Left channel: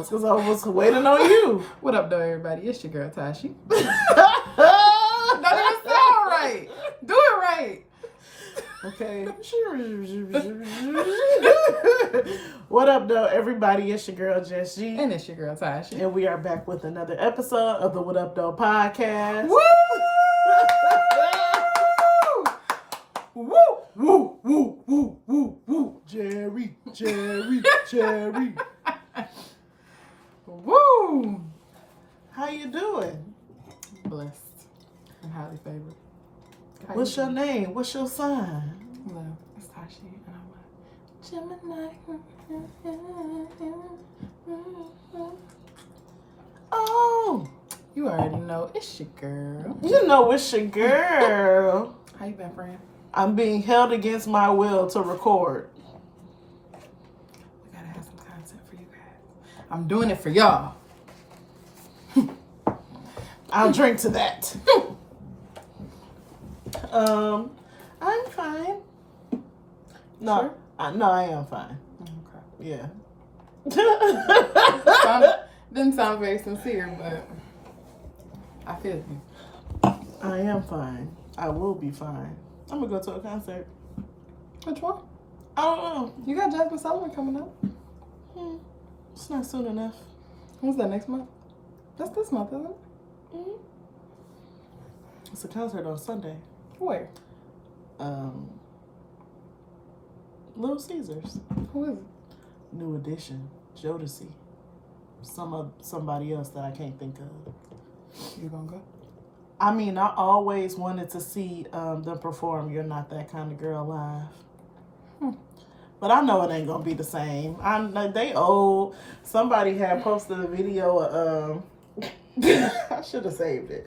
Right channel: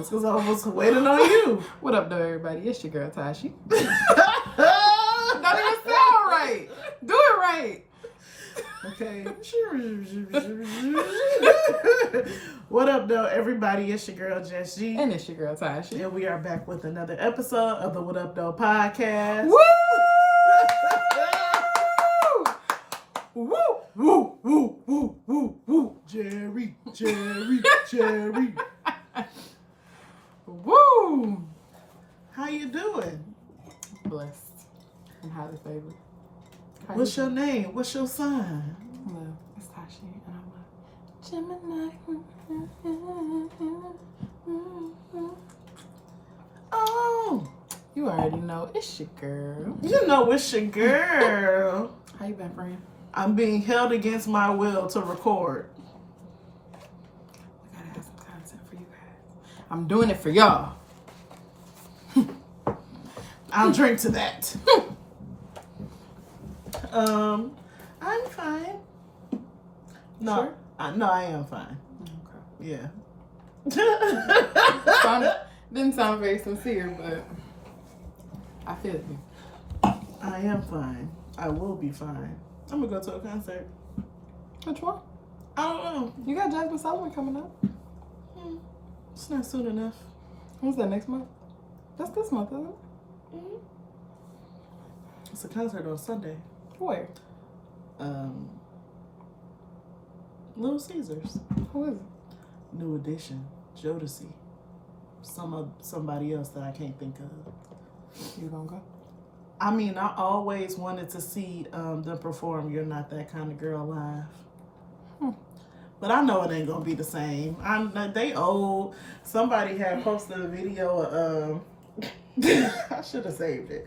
That's because I was waiting on you. What up, though, everybody? It's your girl, Tashi. Don't even sound right. Do it right. Okay. What up, though, everybody? It's your girl, Jess G. And it's your girl, Tashi. And we are back with another episode of the What Up, Though podcast. Woo! Woo! Woo, woo, woo, woo, woo. Jerry. Woo! How you doing? Blessed. I'm highly favored. How What's you your doing? name? What's your sign? Well, it's Tashi, and I'm a Gemini. Oh, You already know it's your girl. you know it's your girl. How you been, friend? I'm being held against my will to record. We gotta have some content for you guys. I'm doing it for y'all. I'll drink to that. I'm fine. No, Sure? I am fine. Okay. Yeah. Didn't sound very sincere, but I feel you. I am fine. I will be fine. I'm gonna go to a concert. Which one? I don't know. You got Jasmine Sullivan coming up. It's not soon enough. When's that, next month? That's this month, isn't it? Mm-hmm. It's a concert on Sunday. Where? Little Caesars. Who is it? New Edition. Jodeci. Somebody else that I can't think of. You gonna go? I mean, I always wanted to see them perform You're Not That Kind of Girl live. But I know it ain't gonna be the same. They old. Somebody had posted a video of I should have saved it.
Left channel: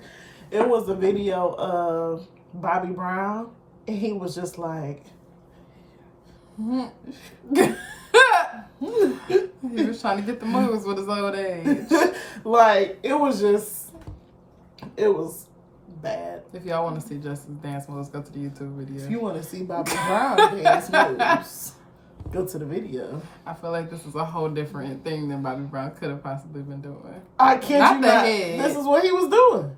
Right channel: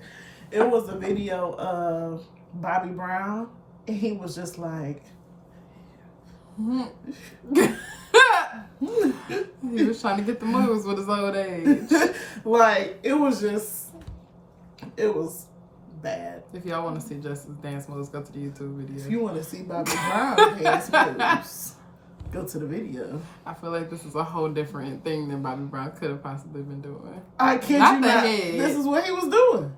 It was a video of Bobby Brown, and he was just like He was trying to get the moves with his old age. like it was bad. If y'all want to see Justice dance moves, go to the YouTube video. If you want to see Bobby Brown dance moves, go to the video. I feel like this is a whole different thing than Bobby Brown could have possibly been doing. I can't. Not you the not. head. This is what he was doing.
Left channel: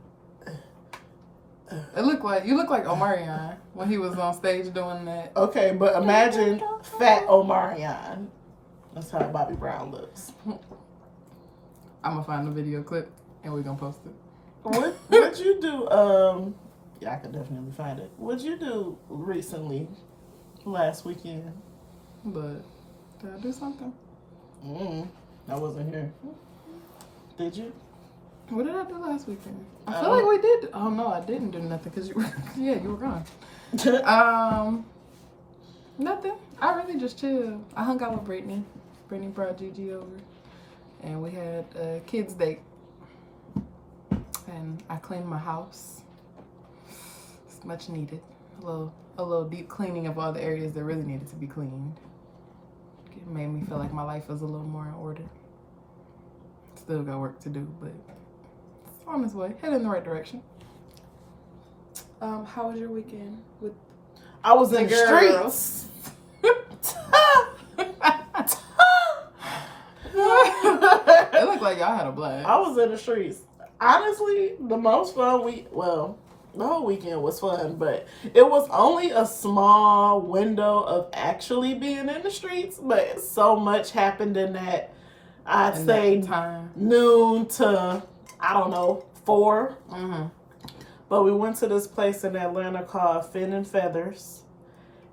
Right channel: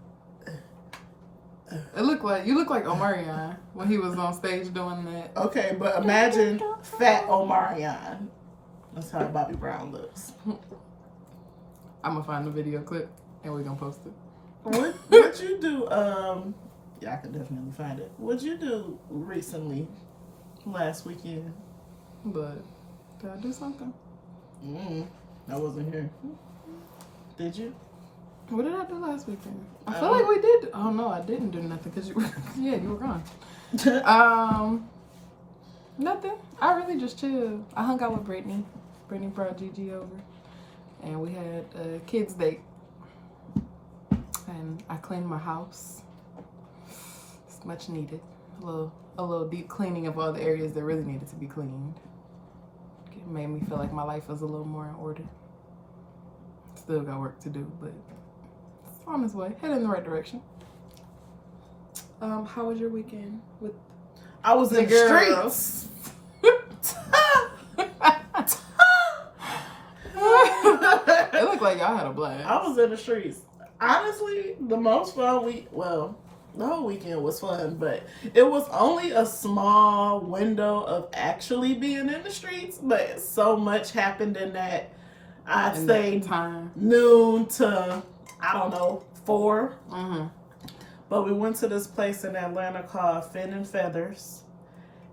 You look like Omarion when he was on stage doing that. Okay, but imagine fat Omarion. That's how Bobby Brown looks. I'm gonna find the video clip and we're gonna post it. What'd you do? Yeah, I could definitely find it. What'd you do recently? Last weekend? But did I do something? I wasn't here. Did you? What did I do last weekend? I feel like we did. Oh no, I didn't do nothing because you were. Yeah, you were gone. Nothing. I really just chilled. I hung out with Brittany. Brittany brought Gigi over, and we had a kids' date. And I cleaned my house. It's much needed. A little deep cleaning of all the areas that really needed to be cleaned. It made me feel like my life was a little more in order. Still got work to do, but it's on its way. Headed in the right direction. How was your weekend with I was in the girls? streets. It looked like y'all had a blast. I was in the streets. Honestly, the most fun the whole weekend was fun, but it was only a small window of actually being in the streets, but so much happened in that, I'd say time. noon to, I don't know, 4. Mm-hmm. But we went to this place in Atlanta called Fin and Feathers,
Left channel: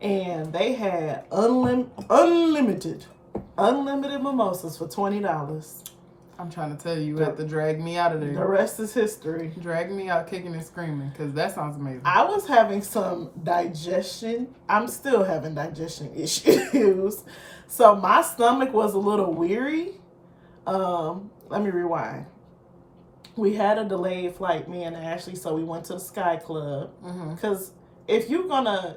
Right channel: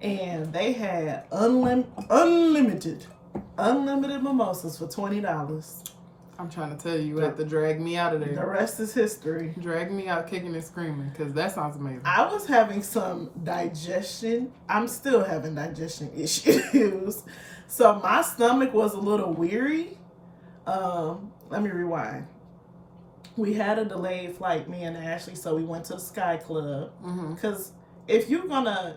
and they had unlimited mimosas for $20. I'm trying to tell you, you have to drag me out of there. The rest is history. Drag me out kicking and screaming, because that sounds amazing. I was having some digestion. I'm still having digestion issues. So my stomach was a little weary. Let me rewind. We had a delayed flight, me and Ashley, so we went to the Sky Club. Because if you're gonna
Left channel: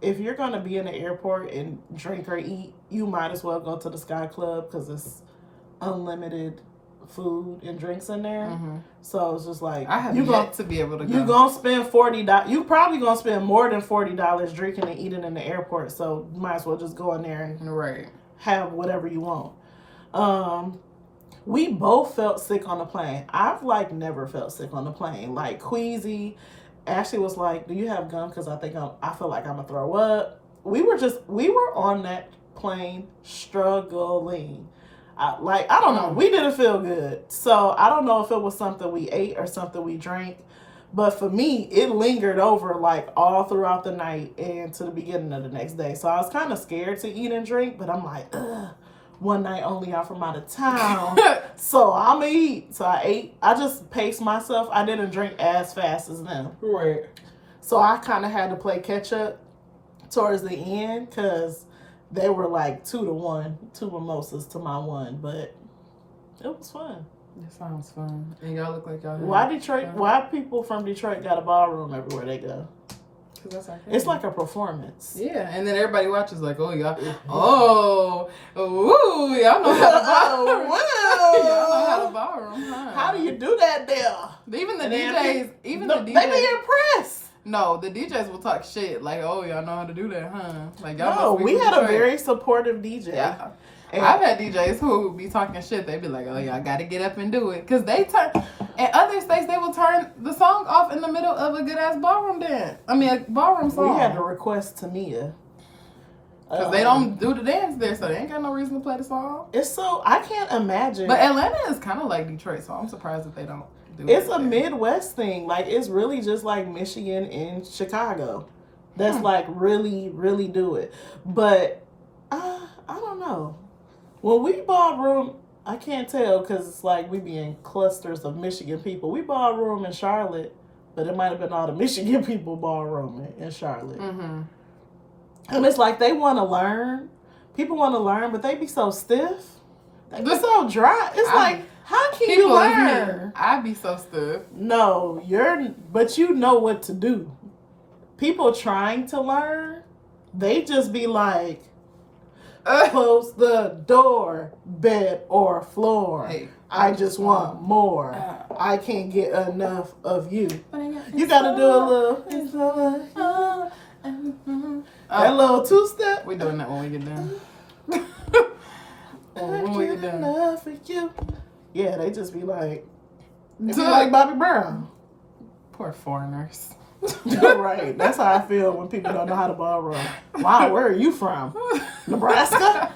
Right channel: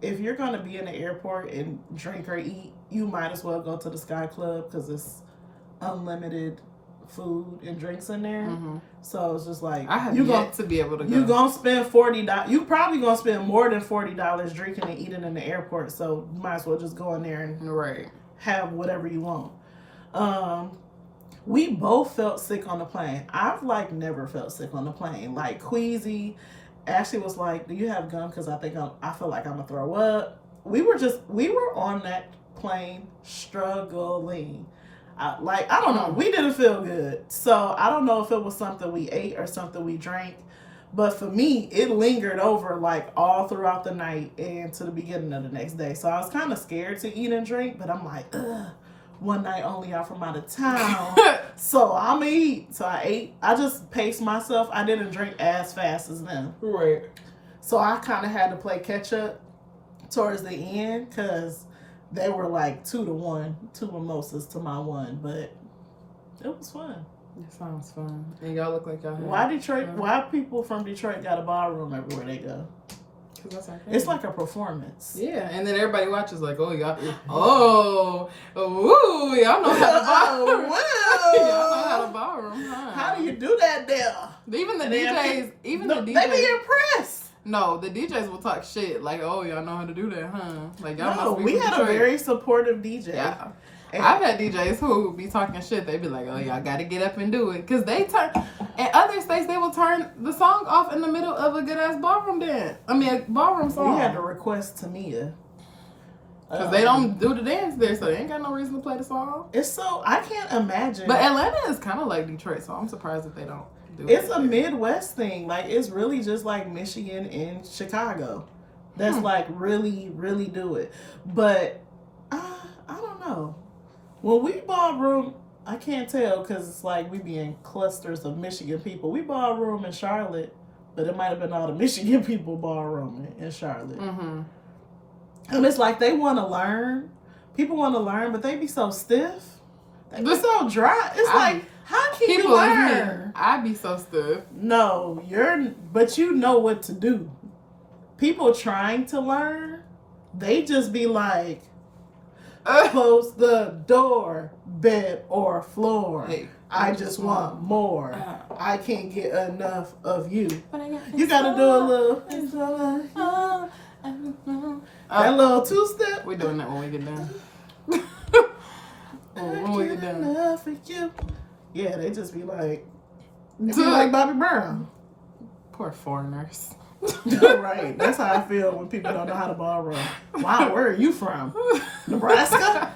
be in the airport and drink or eat, you might as well go to the Sky Club because it's unlimited food and drinks in there. So it's just like I have yet to be able to go. You're gonna spend $40. You probably gonna spend more than $40 drinking and eating in the airport. So you might as well just go in there and right. have whatever you want. We both felt sick on the plane. I've like never felt sick on the plane. Like queasy. Ashley was like, "Do you have gum? Because I feel like I'm gonna throw up." We were on that plane struggling. I don't know. We didn't feel good. So I don't know if it was something we ate or something we drank. But for me, it lingered over like all throughout the night and to the beginning of the next day. So I was kind of scared to eat and drink, but I'm like, ugh, one night only I'm from out of town. So I'm going to eat. So I ate. I just paced myself. I didn't drink as fast as them. Right. So I kind of had to play catch up towards the end because they were like 2-1, 2 mimosas to my 1. But it was fun. It sounds fun. And y'all look like y'all had Why people from Detroit got a ballroom everywhere they go? Because that's our It's like a performance. Yeah, and then everybody watches like, oh, y'all, ooh, y'all know how to ballroom. Y'all know how to ballroom, huh? How do you do that there? Even the DJs, they be impressed. No, the DJs will talk shit like, oh, y'all know how to do that, huh? Like, y'all No, must be we had Detroit. a very supportive DJ. Yeah. I've had DJs who be talking shit. They be like, oh, y'all got to get up and do it. Because they turn, in other states, they will turn the song off in the middle of a good-ass ballroom dance. I mean, a ballroom song. We had to request Tamia. Because they don't do the dance there, so they ain't got no reason to play the song. It's so, I can't imagine. But Atlanta is kind of like Detroit, so I'm surprised that they don't do it. It's a Midwest thing. Like, it's really just like Michigan and Chicago. That's like really, really do it. But, I don't know. When we ballroom, I can't tell because it's like we be in clusters of Michigan people. We ballroom in Charlotte, but it might have been all the Michigan people ballrooming in Charlotte. Mm-hmm. And it's like they want to learn. People want to learn, but they be so stiff. They be so dry. It's like, how can you learn? I be so stiff. No, but you know what to do. People trying to learn, they just be like, close the door, bed or floor. Hey, I just want more. I can't get enough of you. You gotta do a little. That little 2-step. We're doing that when we get done. When we get done. Enough of you. Yeah, they just be like, like Bobby Brown. Poor foreigners. Right. That's how I feel when people don't know how to ballroom. Wow, where are you from? Nebraska?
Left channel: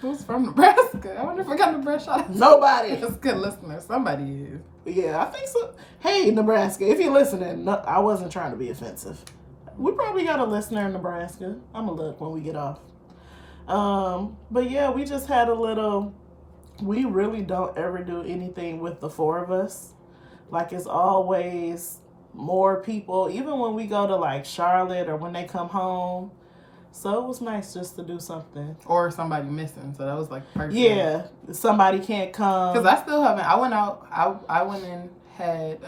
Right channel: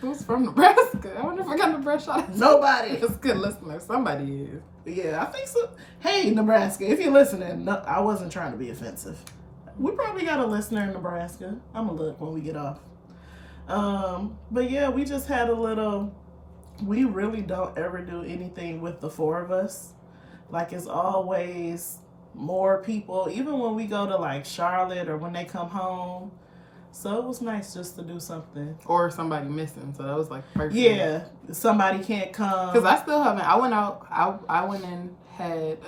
Who's from Nebraska? I wonder if I got Nebraska. Nobody. That's good listener. Somebody is. Yeah, I think so. Hey, Nebraska, if you're listening, no, I wasn't trying to be offensive. We probably got a listener in Nebraska. I'm going to look when we get off. But yeah, we just had a little, we really don't ever do anything with the 4 of us. Like, it's always more people, even when we go to like Charlotte or when they come home. So it was nice just to do something. Or somebody missing, so that was like perfect. Yeah, somebody can't come. Because I still haven't, I went out, I went and had,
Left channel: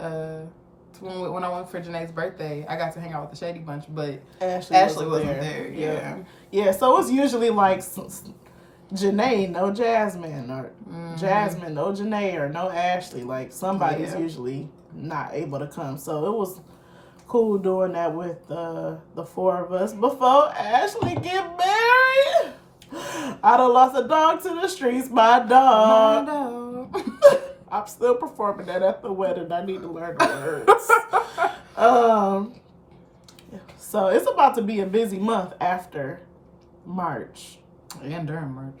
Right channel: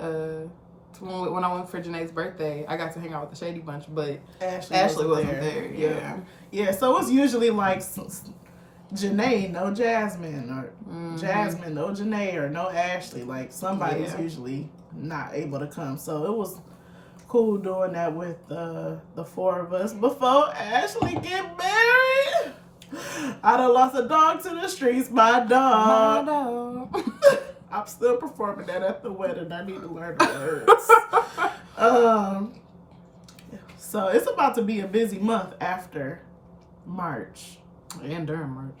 when I went for Janae's birthday, I got to hang out with the Shady Bunch, but Ashley wasn't there. Yeah. Yeah, so it's usually like Janae, no Jasmine, or Jasmine, no Janae, or no Ashley. Like, somebody's usually not able to come. So it was cool doing that with the 4 of us before Ashley get married. I done lost a dog to the streets. My dog. My dog. I'm still performing that at the wedding. I need to learn the words. So it's about to be a busy month after March. And during March.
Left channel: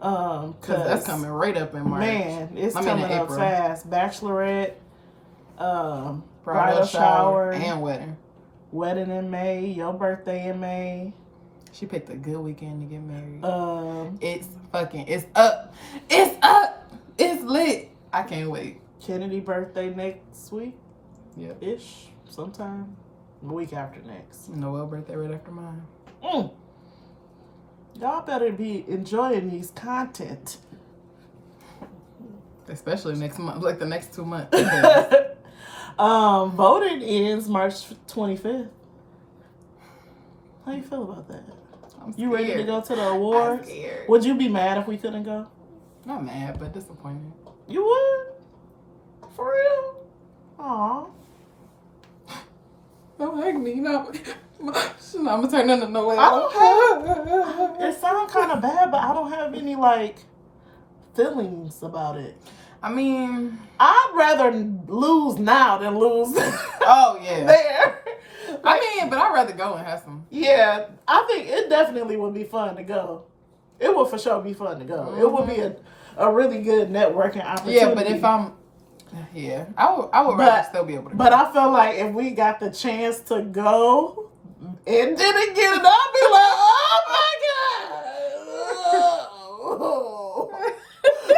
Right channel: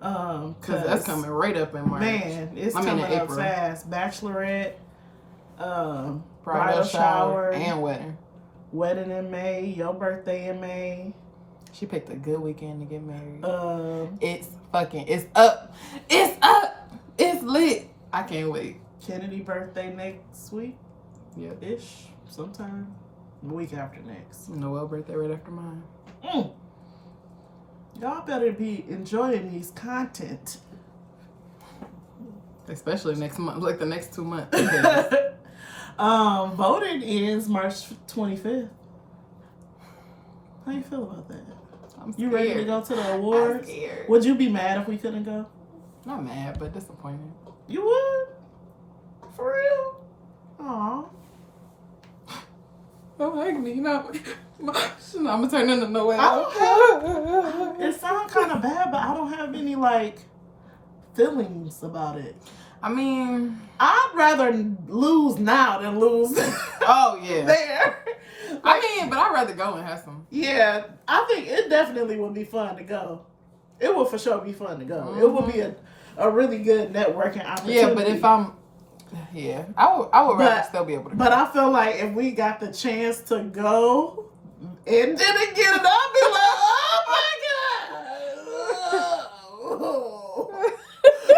Because that's coming right up in March. Man, it's coming up fast. Bachelorette, bridal shower, and wedding. Wedding in May, your birthday in May. She picked a good weekend to get married. It's up. It's up. It's lit. I can't wait. Kennedy birthday next week. Yep. Ish. Sometime. The week after next. Noelle birthday right after mine. Y'all better be enjoying these content. Especially next month, like the next 2 months. Voting ends March 25th. How you feel about that? I'm scared. You ready to go to the awards? I'm scared. Would you be mad if we couldn't go? Not mad, but disappointed. You would? For real? Aw. Don't hug me. No. I'm gonna turn into Noelle. I don't have, it sounds kind of bad, but I don't have any, like, feelings about it. I mean, I'd rather lose now than lose oh yeah. there. I mean, but I'd rather go and have some. Yeah, I think it definitely would be fun to go. It will for sure be fun to go. Mm-hmm. It will be a really good networking opportunity. Yeah, but if I'm, I would rather still be able to go. But I feel like if we got the chance to go and didn't get it, I'd be like, oh my God.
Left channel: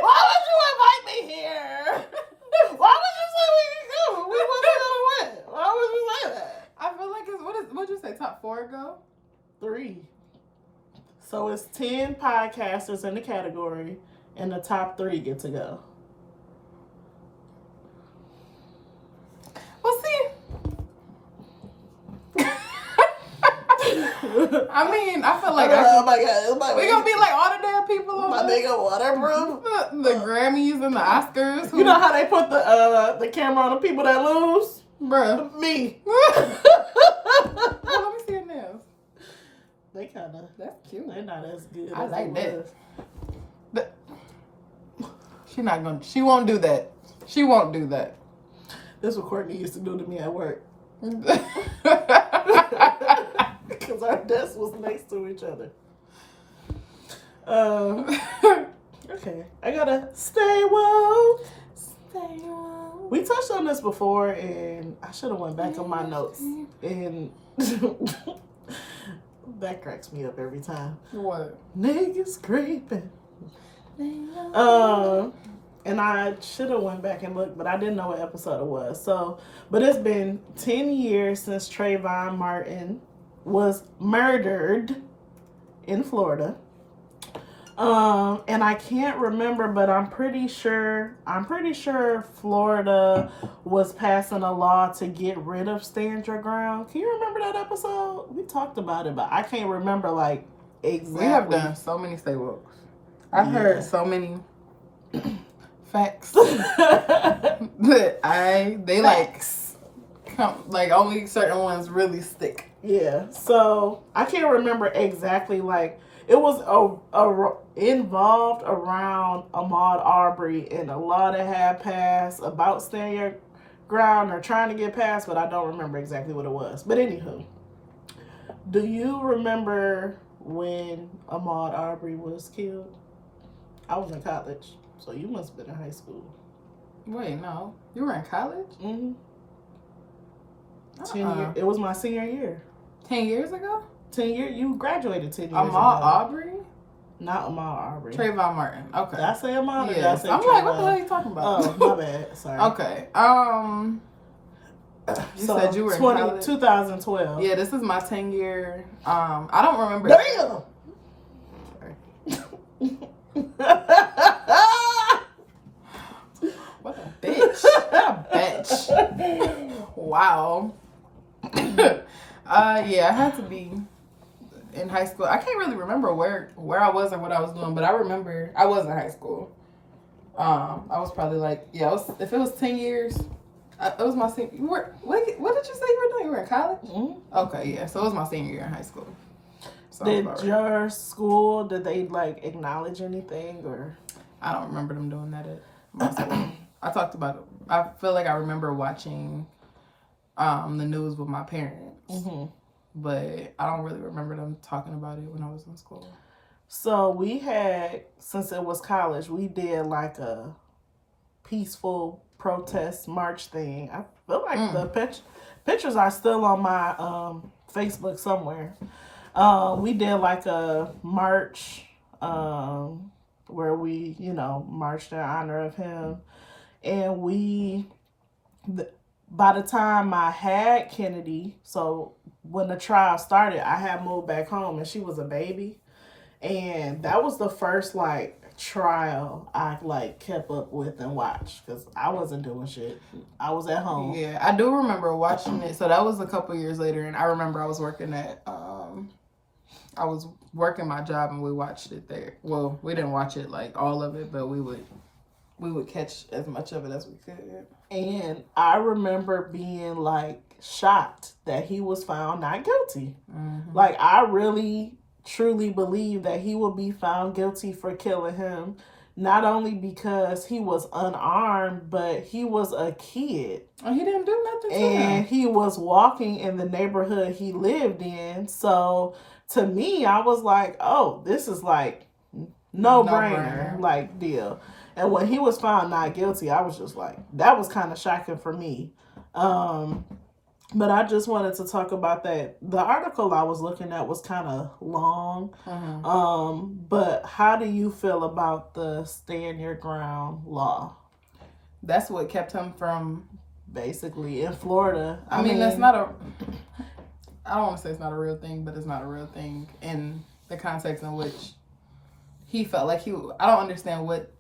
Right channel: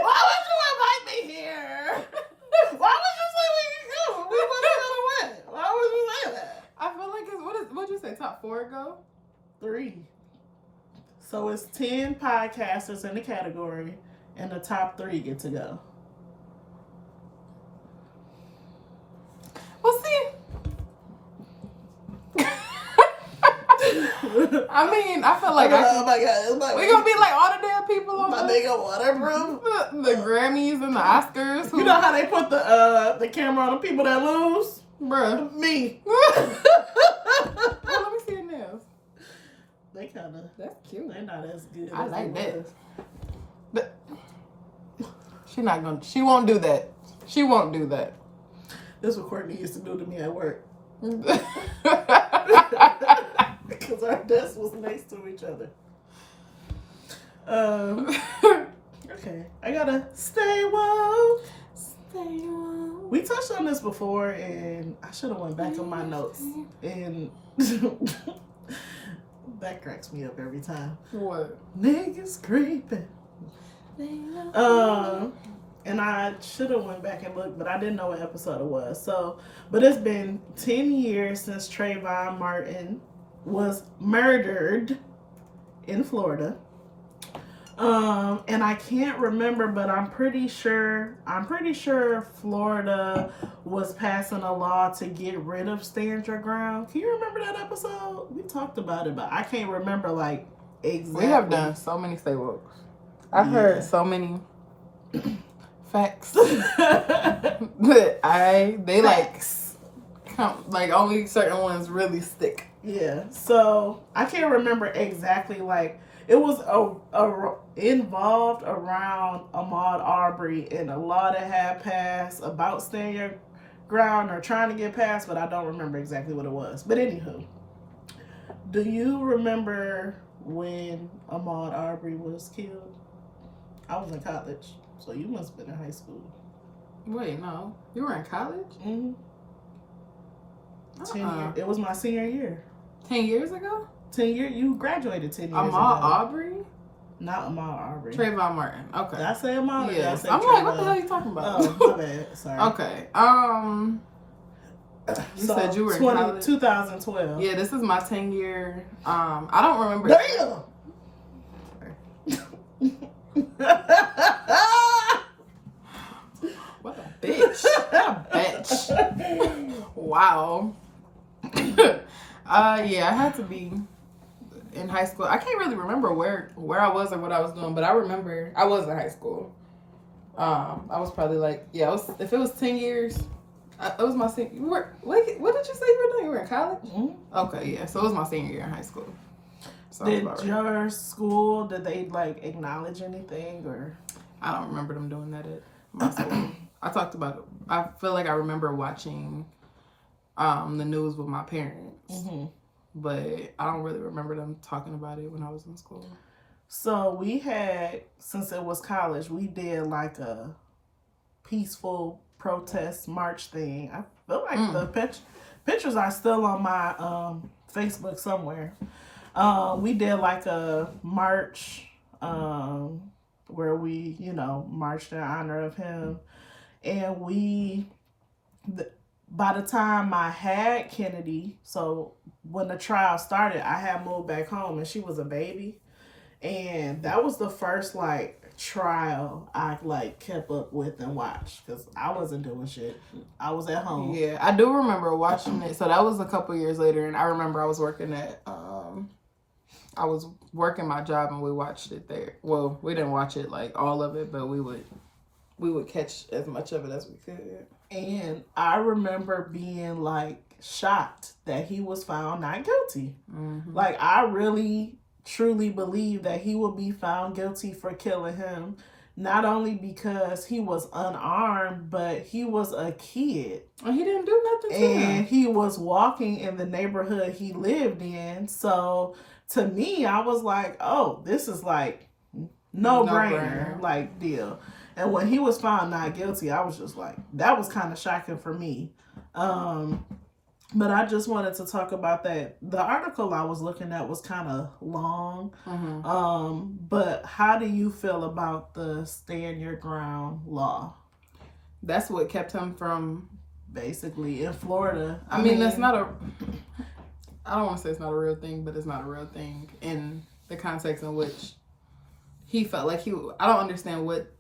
Why would you invite me here? Why would you say we could go? We want to go to what? Why would you say that? I feel like what'd you say, top 4 go? 3. So it's 10 podcasters in the category, and the top 3 get to go. Well, see. I mean, I feel like oh my God, we're gonna be like all the damn people on my nigga waterproof. The Grammys and the Oscars. You know how they put the camera on the people that lose? Bruh. Me. Well, let me see your nails. They kind of. That's cute. They're not as good. I as like they that. was. She won't do that. She won't do that. That's what Courtney used to do to me at work. Because our desks was next to each other. Okay. I gotta stay woke. Stay woke. We touched on this before, and I should have went back on my notes. And that cracks me up every time. What? Niggas creeping. And I should have went back and looked, but I didn't know what episode it was. So, but it's been 10 years since Trayvon Martin was murdered in Florida. And I can't remember, but I'm pretty sure Florida was passing a law to get rid of Stand Your Ground. Can you remember that episode? We talked about it, but I can't remember like exactly. We have done so many stay wokes. I've heard so many facts that like only certain ones really stick. Yeah. So I can't remember exactly like. It was involved around Ahmaud Arbery and a law that had passed about Stand Your Ground or trying to get passed, but I don't remember exactly what it was. But anywho, do you remember when Ahmaud Arbery was killed? I was in college, so you must have been in high school. Wait, no. You were in college? Mm-hmm. It was my senior year. 10 years ago? 10 years? You graduated 10 years ago. Ahmaud Arbery? Not Ahmaud Arbery. Trayvon Martin. Okay. Did I say Ahmaud? Yes. Say I'm Trayvon? like, what the hell are you talking about? Oh, my bad. Sorry. Okay. You said you were in college? 2012. Yeah, this is my 10-year. I don't remember. Damn! What a bitch. What a bitch. Wow. Yeah, I had to be in high school. I can't really remember where I was or what I was doing, but I remember I was in high school. I was probably like, if it was 10 years, it was my senior. What did you say you were doing? You were in college? Mm-hmm. Okay, yeah. So it was my senior year in high school. So did your school, did they like acknowledge anything or? I don't remember them doing that at my school. I feel like I remember watching the news with my parents, but I don't really remember them talking about it when I was in school. So we had, since it was college, we did like a peaceful protest march thing. I feel like the pictures are still on my Facebook somewhere. We did like a march where we, marched in honor of him. And by the time I had Kennedy, so when the trial started, I had moved back home and she was a baby. And that was the first like trial I like kept up with and watched because I wasn't doing shit. I was at home. Yeah, I do remember watching it. So that was a couple years later, and I remember I was working my job and we watched it there. Well, we didn't watch it like all of it, but we would catch as much of it as we could. And I remember being like shocked that he was found not guilty. Mm-hmm. Like I really truly believe that he will be found guilty for killing him not only because he was unarmed, but he was a kid. And he didn't do nothing to him. And he was walking in the neighborhood he lived in. So to me, I was like, oh, this is like no-brainer like deal. And when he was found not guilty, I was just like, that was kind of shocking for me. But I just wanted to talk about that. The article I was looking at was kind of long. But how do you feel about the stand your ground law? That's what kept him from... Basically, in Florida. I mean, that's not a... I don't want to say it's not a real thing, but it's not a real thing in the context in which he felt like he... I don't understand what...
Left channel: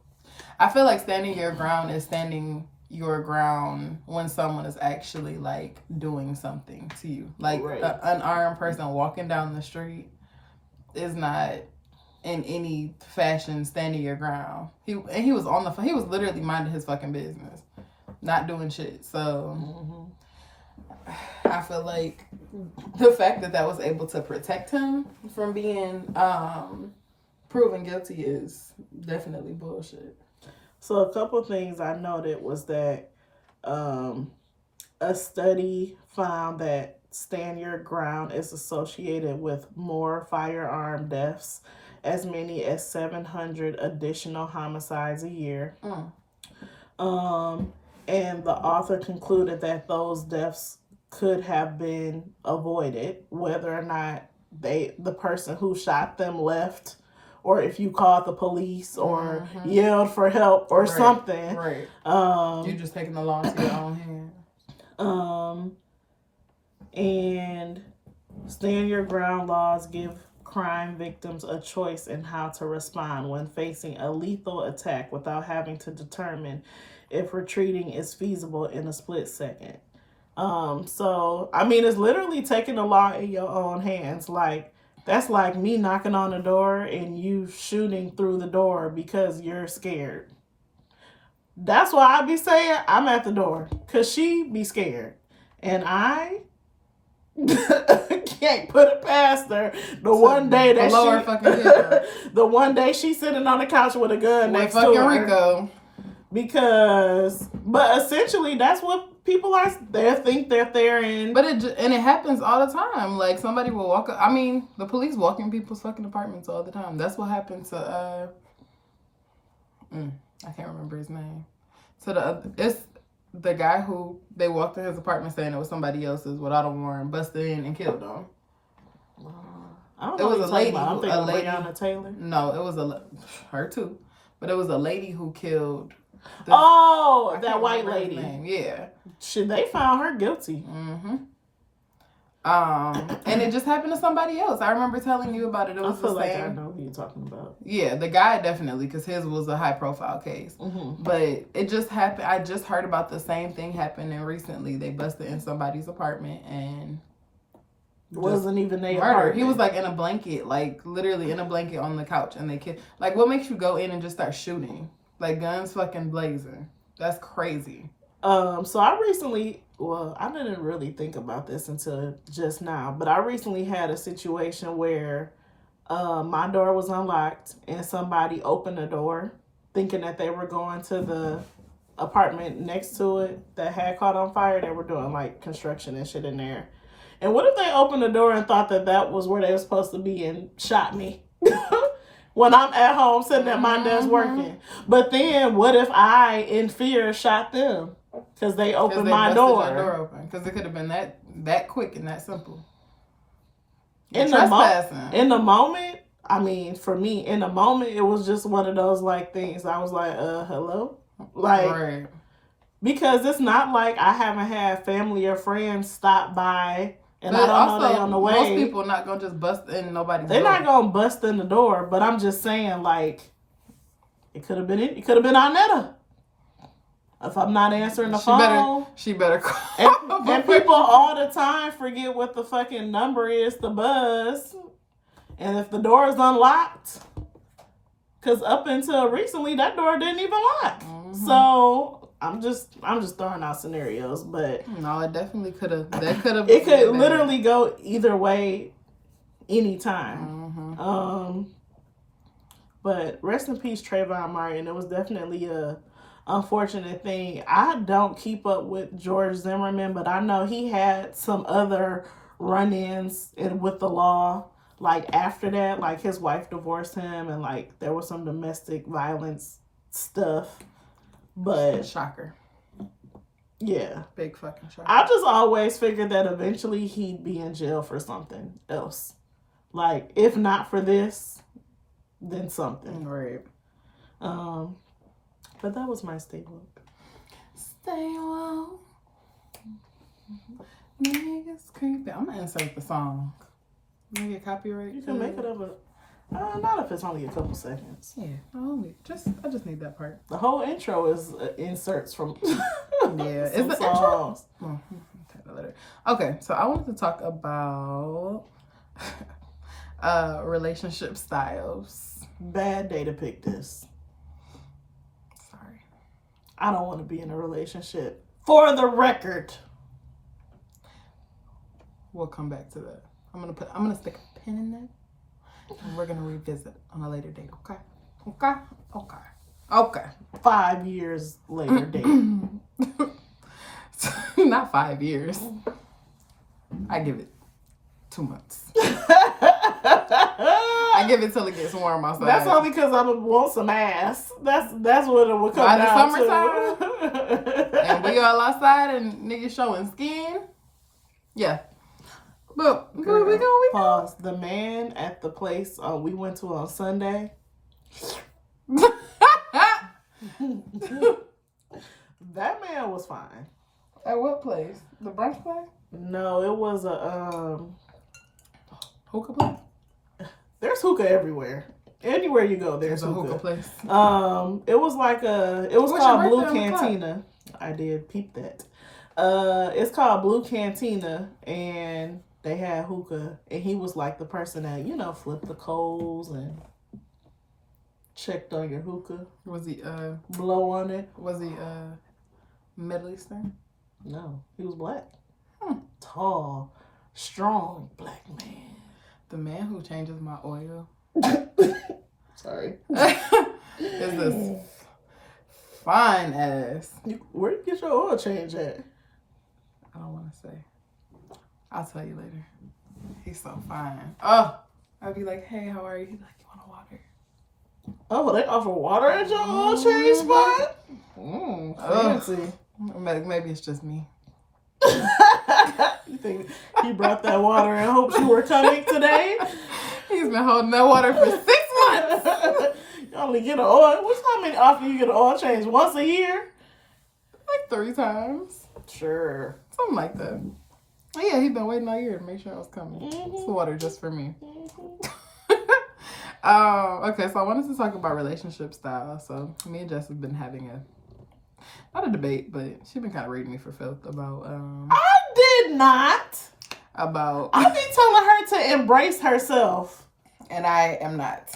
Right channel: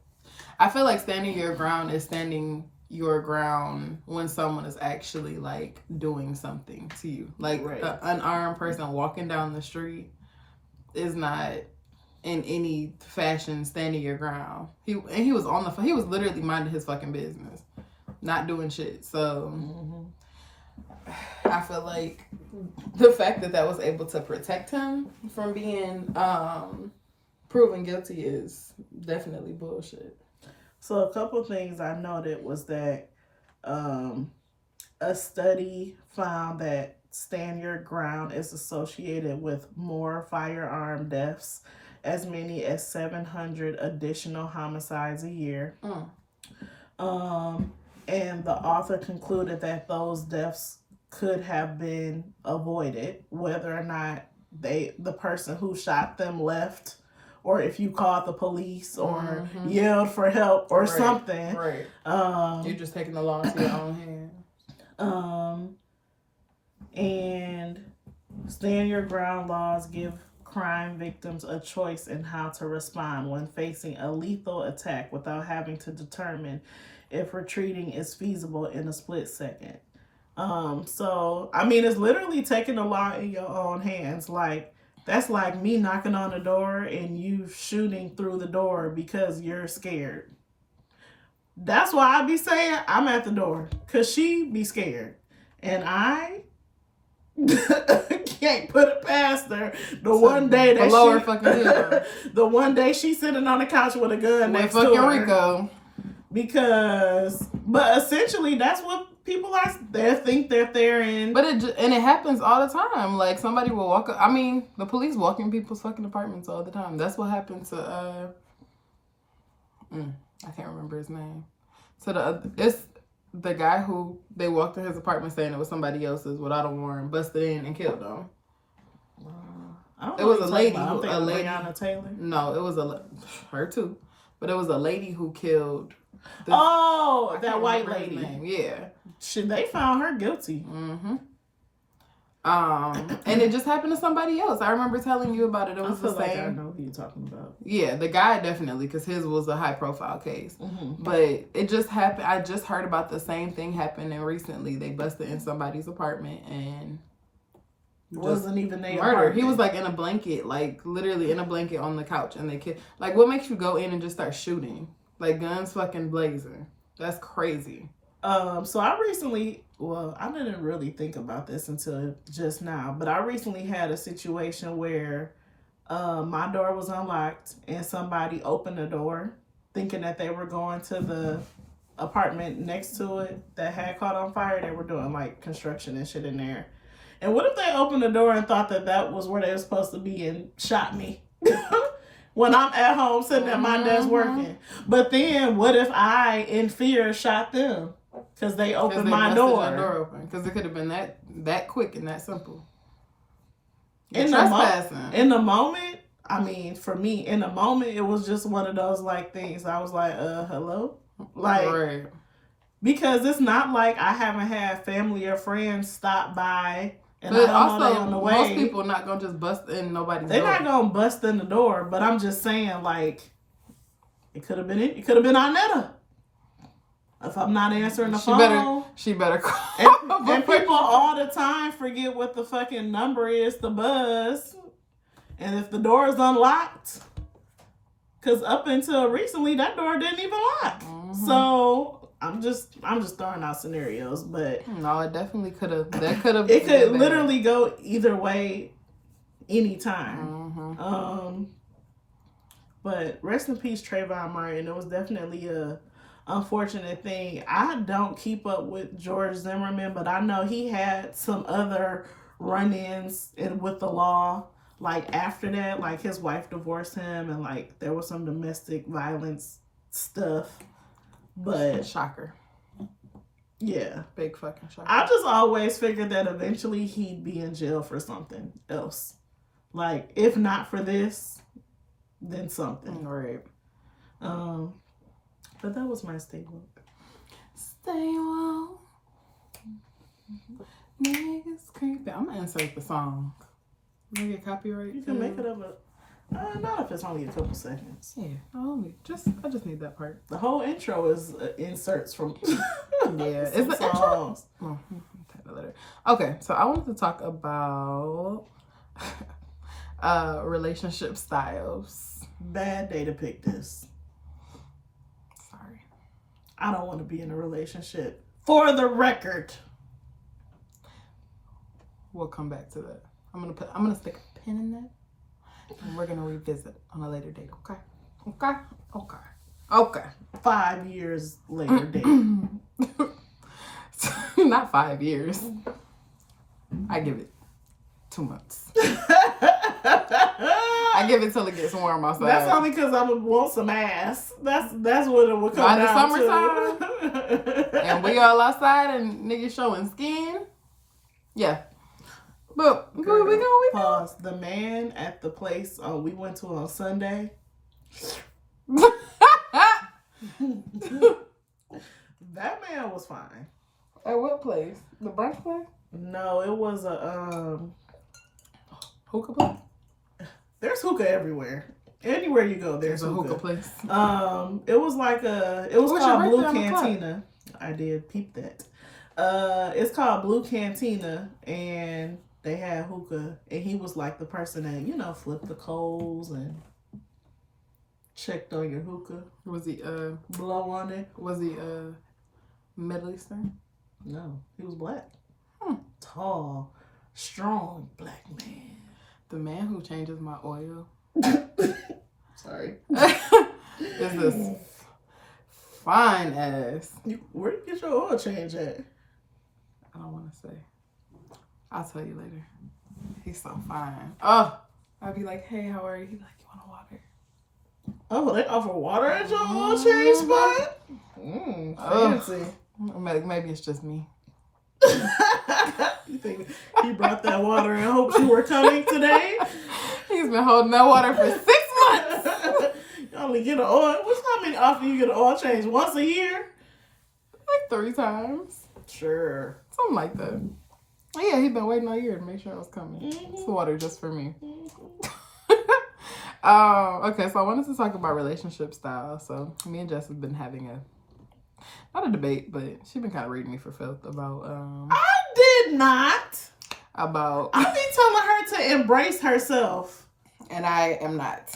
I feel like standing your ground is standing your ground when someone is actually like doing something to you. Like an unarmed person walking down the street is not in any fashion standing your ground. He was on the he was literally minding his fucking business, not doing shit. So I feel like the fact that was able to protect him from being proven guilty is definitely bullshit. So a couple things I noted was that a study found that stand your ground is associated with more firearm deaths, as many as 700 additional homicides a year. And the author concluded that those deaths could have been avoided, whether or not the person who shot them left, or if you called the police or yelled for help or something. Right. You're just taking the law into your own hands. And stand your ground laws give crime victims a choice in how to respond when facing a lethal attack without having to determine if retreating is feasible in a split second. So, I mean, it's literally taking the law in your own hands. Like, that's like me knocking on the door and you shooting through the door because you're scared. That's why I be saying I'm at the door, because she be scared. And I can't put it past her. The one day she's sitting on the couch with a gun next to her. Rico. But essentially that's what people are. They think they're there it happens all the time. Like somebody will walk up. I mean, the police walk in people's fucking apartments all the time. That's what happened to I can't remember his name. It's the guy who they walked in his apartment saying it was somebody else's without a warrant, busted in and killed him. It was a lady. Breonna Taylor. No, it was her too, but it was a lady who killed. That white lady. Yeah. They found her guilty. And it just happened to somebody else. I remember telling you about it. It was the same. I know who you're talking about. Yeah, the guy definitely, because his was a high profile case. But it just happened. I just heard about the same thing happening recently. They busted in somebody's apartment and wasn't even their murder. apartment. He was like in a blanket, like literally in a blanket on the couch, and they killed. Like, what makes you go in and just start shooting? Like, guns fucking blazing. That's crazy. So I recently, I didn't really think about this until just now, but I recently had a situation where my door was unlocked and somebody opened the door thinking that they were going to the apartment next to it that had caught on fire. They were doing like construction and shit in there. And what if they opened the door and thought that was where they were supposed to be and shot me? When I'm at home sitting at my desk working. But then what if I, in fear, shot them? Because they opened my door. Because it could have been that quick and that simple. In the moment, I mean, for me, in the moment, it was just one of those like things. I was like, hello? Like, right. Because it's not like I haven't had family or friends stop by. And but I don't know they on the way. Most people are not going to just bust in nobody's door. They're not going to bust in the door. But I'm just saying, like, it could have been Arnetta. If I'm not answering the phone. She better call. And people all the time forget what the fucking number is to buzz. And if the door is unlocked. Because up until recently, that door didn't even lock. So I'm just throwing out scenarios, but no, it definitely could have. That could have. It could literally go either way, anytime. But rest in peace, Trayvon Martin. It was definitely a unfortunate thing. I don't keep up with George Zimmerman, but I know he had some other run-ins with the law. Like after that, like his wife divorced him, and like there was some domestic violence stuff. But shocker. Yeah. Big fucking shocker. I just always figured that eventually he'd be in jail for something else. Like, if not for this, then something. Right. But that was my stay woke. Stay woke. Niggas creepy. I'm gonna insert the song. Can I get copyright? You can make it up not if it's only a couple seconds. Yeah, I just need that part. The whole intro is inserts from yeah, is the songs. Intro? Okay, so I wanted to talk about relationship styles. Bad day to pick this. Sorry. I don't want to be in a relationship. For the record. We'll come back to that. I'm gonna stick a pin in that. And we're gonna revisit on a later date, okay? 5 years later date. Not 5 years. I give it 2 months. I give it till it gets warm outside. That's only because I would want some ass. That's what it would come by down the summertime. And we all outside and niggas showing skin. Yeah. But Girl, we go. Pause. The man at the place we went to on Sunday. That man was fine. At what place? The brunch place? No, it was a hookah place. There's hookah everywhere. Anywhere you go, there's a hookah place. It was like it was called Blue Cantina. I did peep that. It's called Blue Cantina, and they had hookah, and he was like the person that, flipped the coals and checked on your hookah. Was he blow on it? Was he Middle Eastern? No, he was black. Tall, strong black man. The man who changes my oil. Sorry. Is this fine ass. Where you get your oil change at? I don't want to say. I'll tell you later. He's so fine. Oh, I'd be like, hey, how are you? He'd be like, you want a water? Oh, they offer water at your oil change spot? Fancy. Maybe it's just me. You think he brought that water and hoped you were coming today? He's been holding that water for 6 months. You only get an oil. What's how many often you get an oil change? Once a year? Like 3 times. Sure. Something like that. Oh, yeah, he'd been waiting all year to make sure I was coming. Mm-hmm. It's water just for me. Okay, so I wanted to talk about relationship style. So me and Jess have been having not a debate, but she's been kind of reading me for filth about I did not. About I be telling her to embrace herself. And I am not.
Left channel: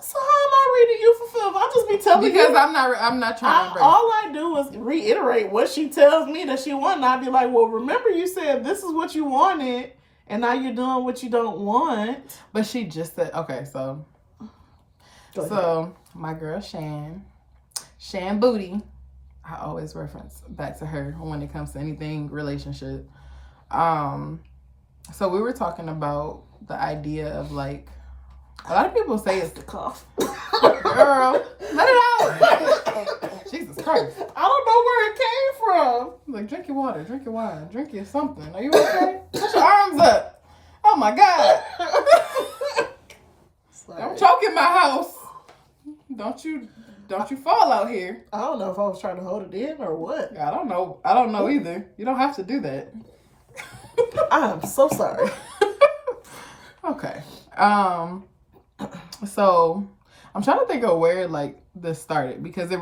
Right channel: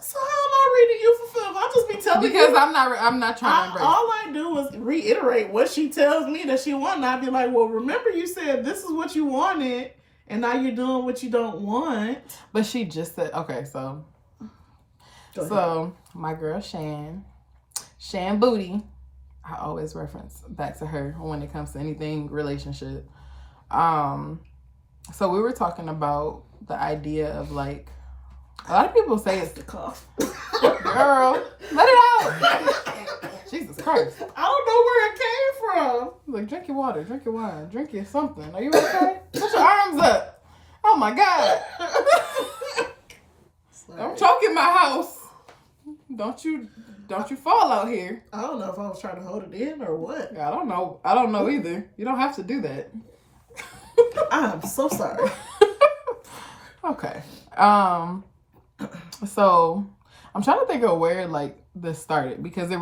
So how am I reading you for filth? I'll just be telling because you. I'm not trying to embrace. All I do is reiterate what she tells me that she wants. And I'd be like, well, remember you said this is what you wanted, and now you're doing what you don't want. But she just said, okay, so my girl Shan Booty, I always reference back to her when it comes to anything relationship. So we were talking about the idea of like, a lot of people say it's the cough. Girl, let it out. Jesus Christ. I don't know where it came from. Like, drink your water, drink your wine, drink your something. Are you okay? Put your arms up. Oh my God. Don't choke in my house. Don't you fall out here. I don't know if I was trying to hold it in or what. I don't know either. You don't have to do that. I'm so sorry. Okay. So I'm trying to think of where like this started, because this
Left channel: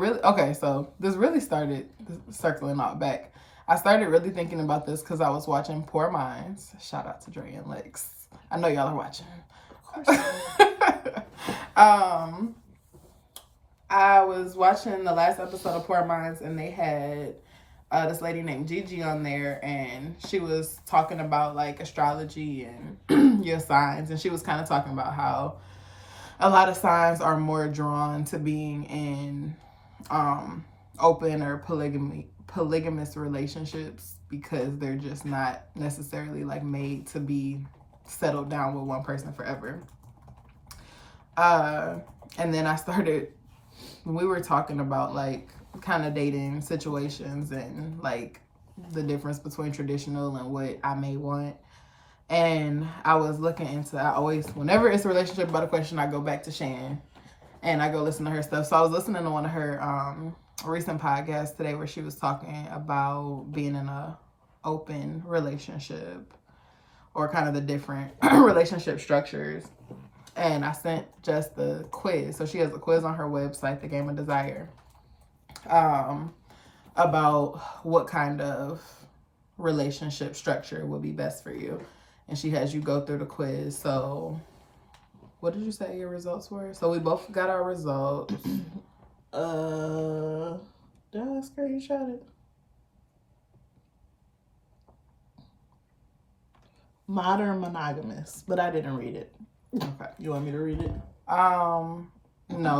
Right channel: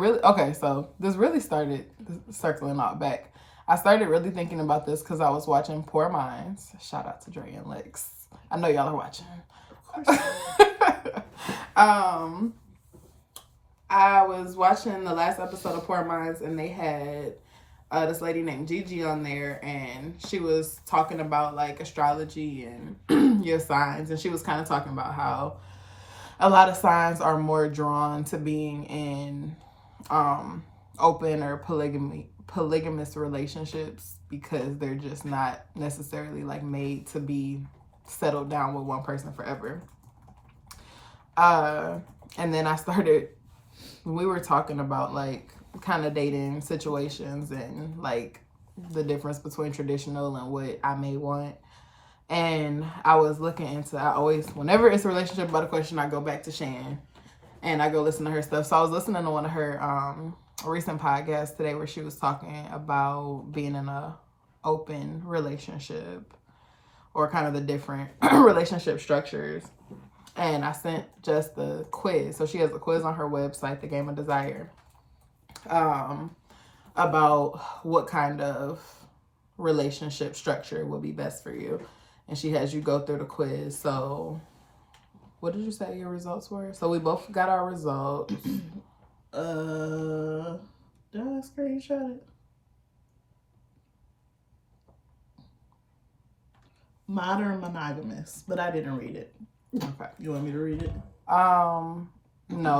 really started circling out back. I started really thinking about this because I was watching Poor Minds. Shout out to Dre and Lex. I know y'all are watching. I was watching the last episode of Poor Minds, and they had this lady named Gigi on there, and she was talking about like astrology and your signs, and she was kind of talking about how a lot of signs are more drawn to being in open or polygamous relationships because they're just not necessarily like made to be settled down with one person forever. And then we were talking about like kind of dating situations and like the difference between traditional and what I may want. And I was looking into, whenever it's a relationship about a question, I go back to Shan and I go listen to her stuff. So I was listening to one of her recent podcasts today where she was talking about being in a open relationship or kind of the different relationship structures. And I sent just the quiz. So she has a quiz on her website, The Game of Desire, about what kind of relationship structure would be best for you. And she has you go through the quiz. So what did you say your results were? So we both got our results. Did I screenshot it? Modern monogamous, but I didn't read it. Okay. You want me to read it? No,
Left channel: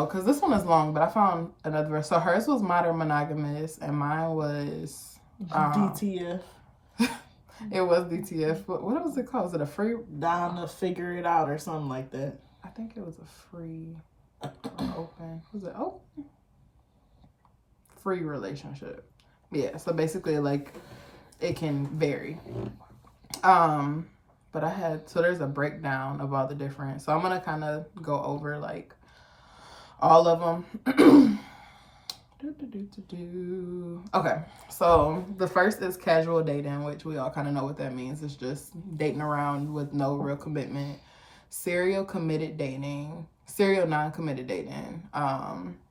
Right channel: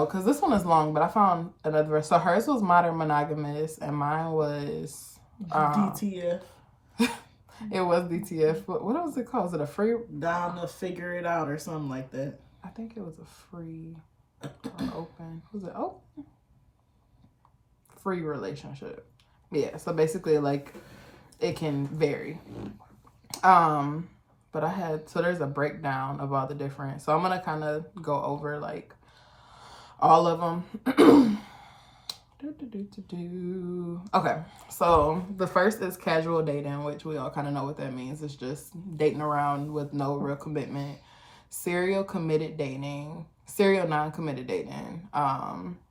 because this one is long, but I found another verse. So hers was modern monogamous and mine was DTF. It was DTF, but what was it called? Was it a free? Down to figure it out or something like that. I think it was a free or open. Was it open? Free relationship. Yeah, so basically like it can vary. But there's a breakdown of all the different. So I'm going to kind of go over like all of them. Okay, so the first is casual dating, which we all kind of know what that means. It's just dating around with no real commitment. Serial non-committed dating.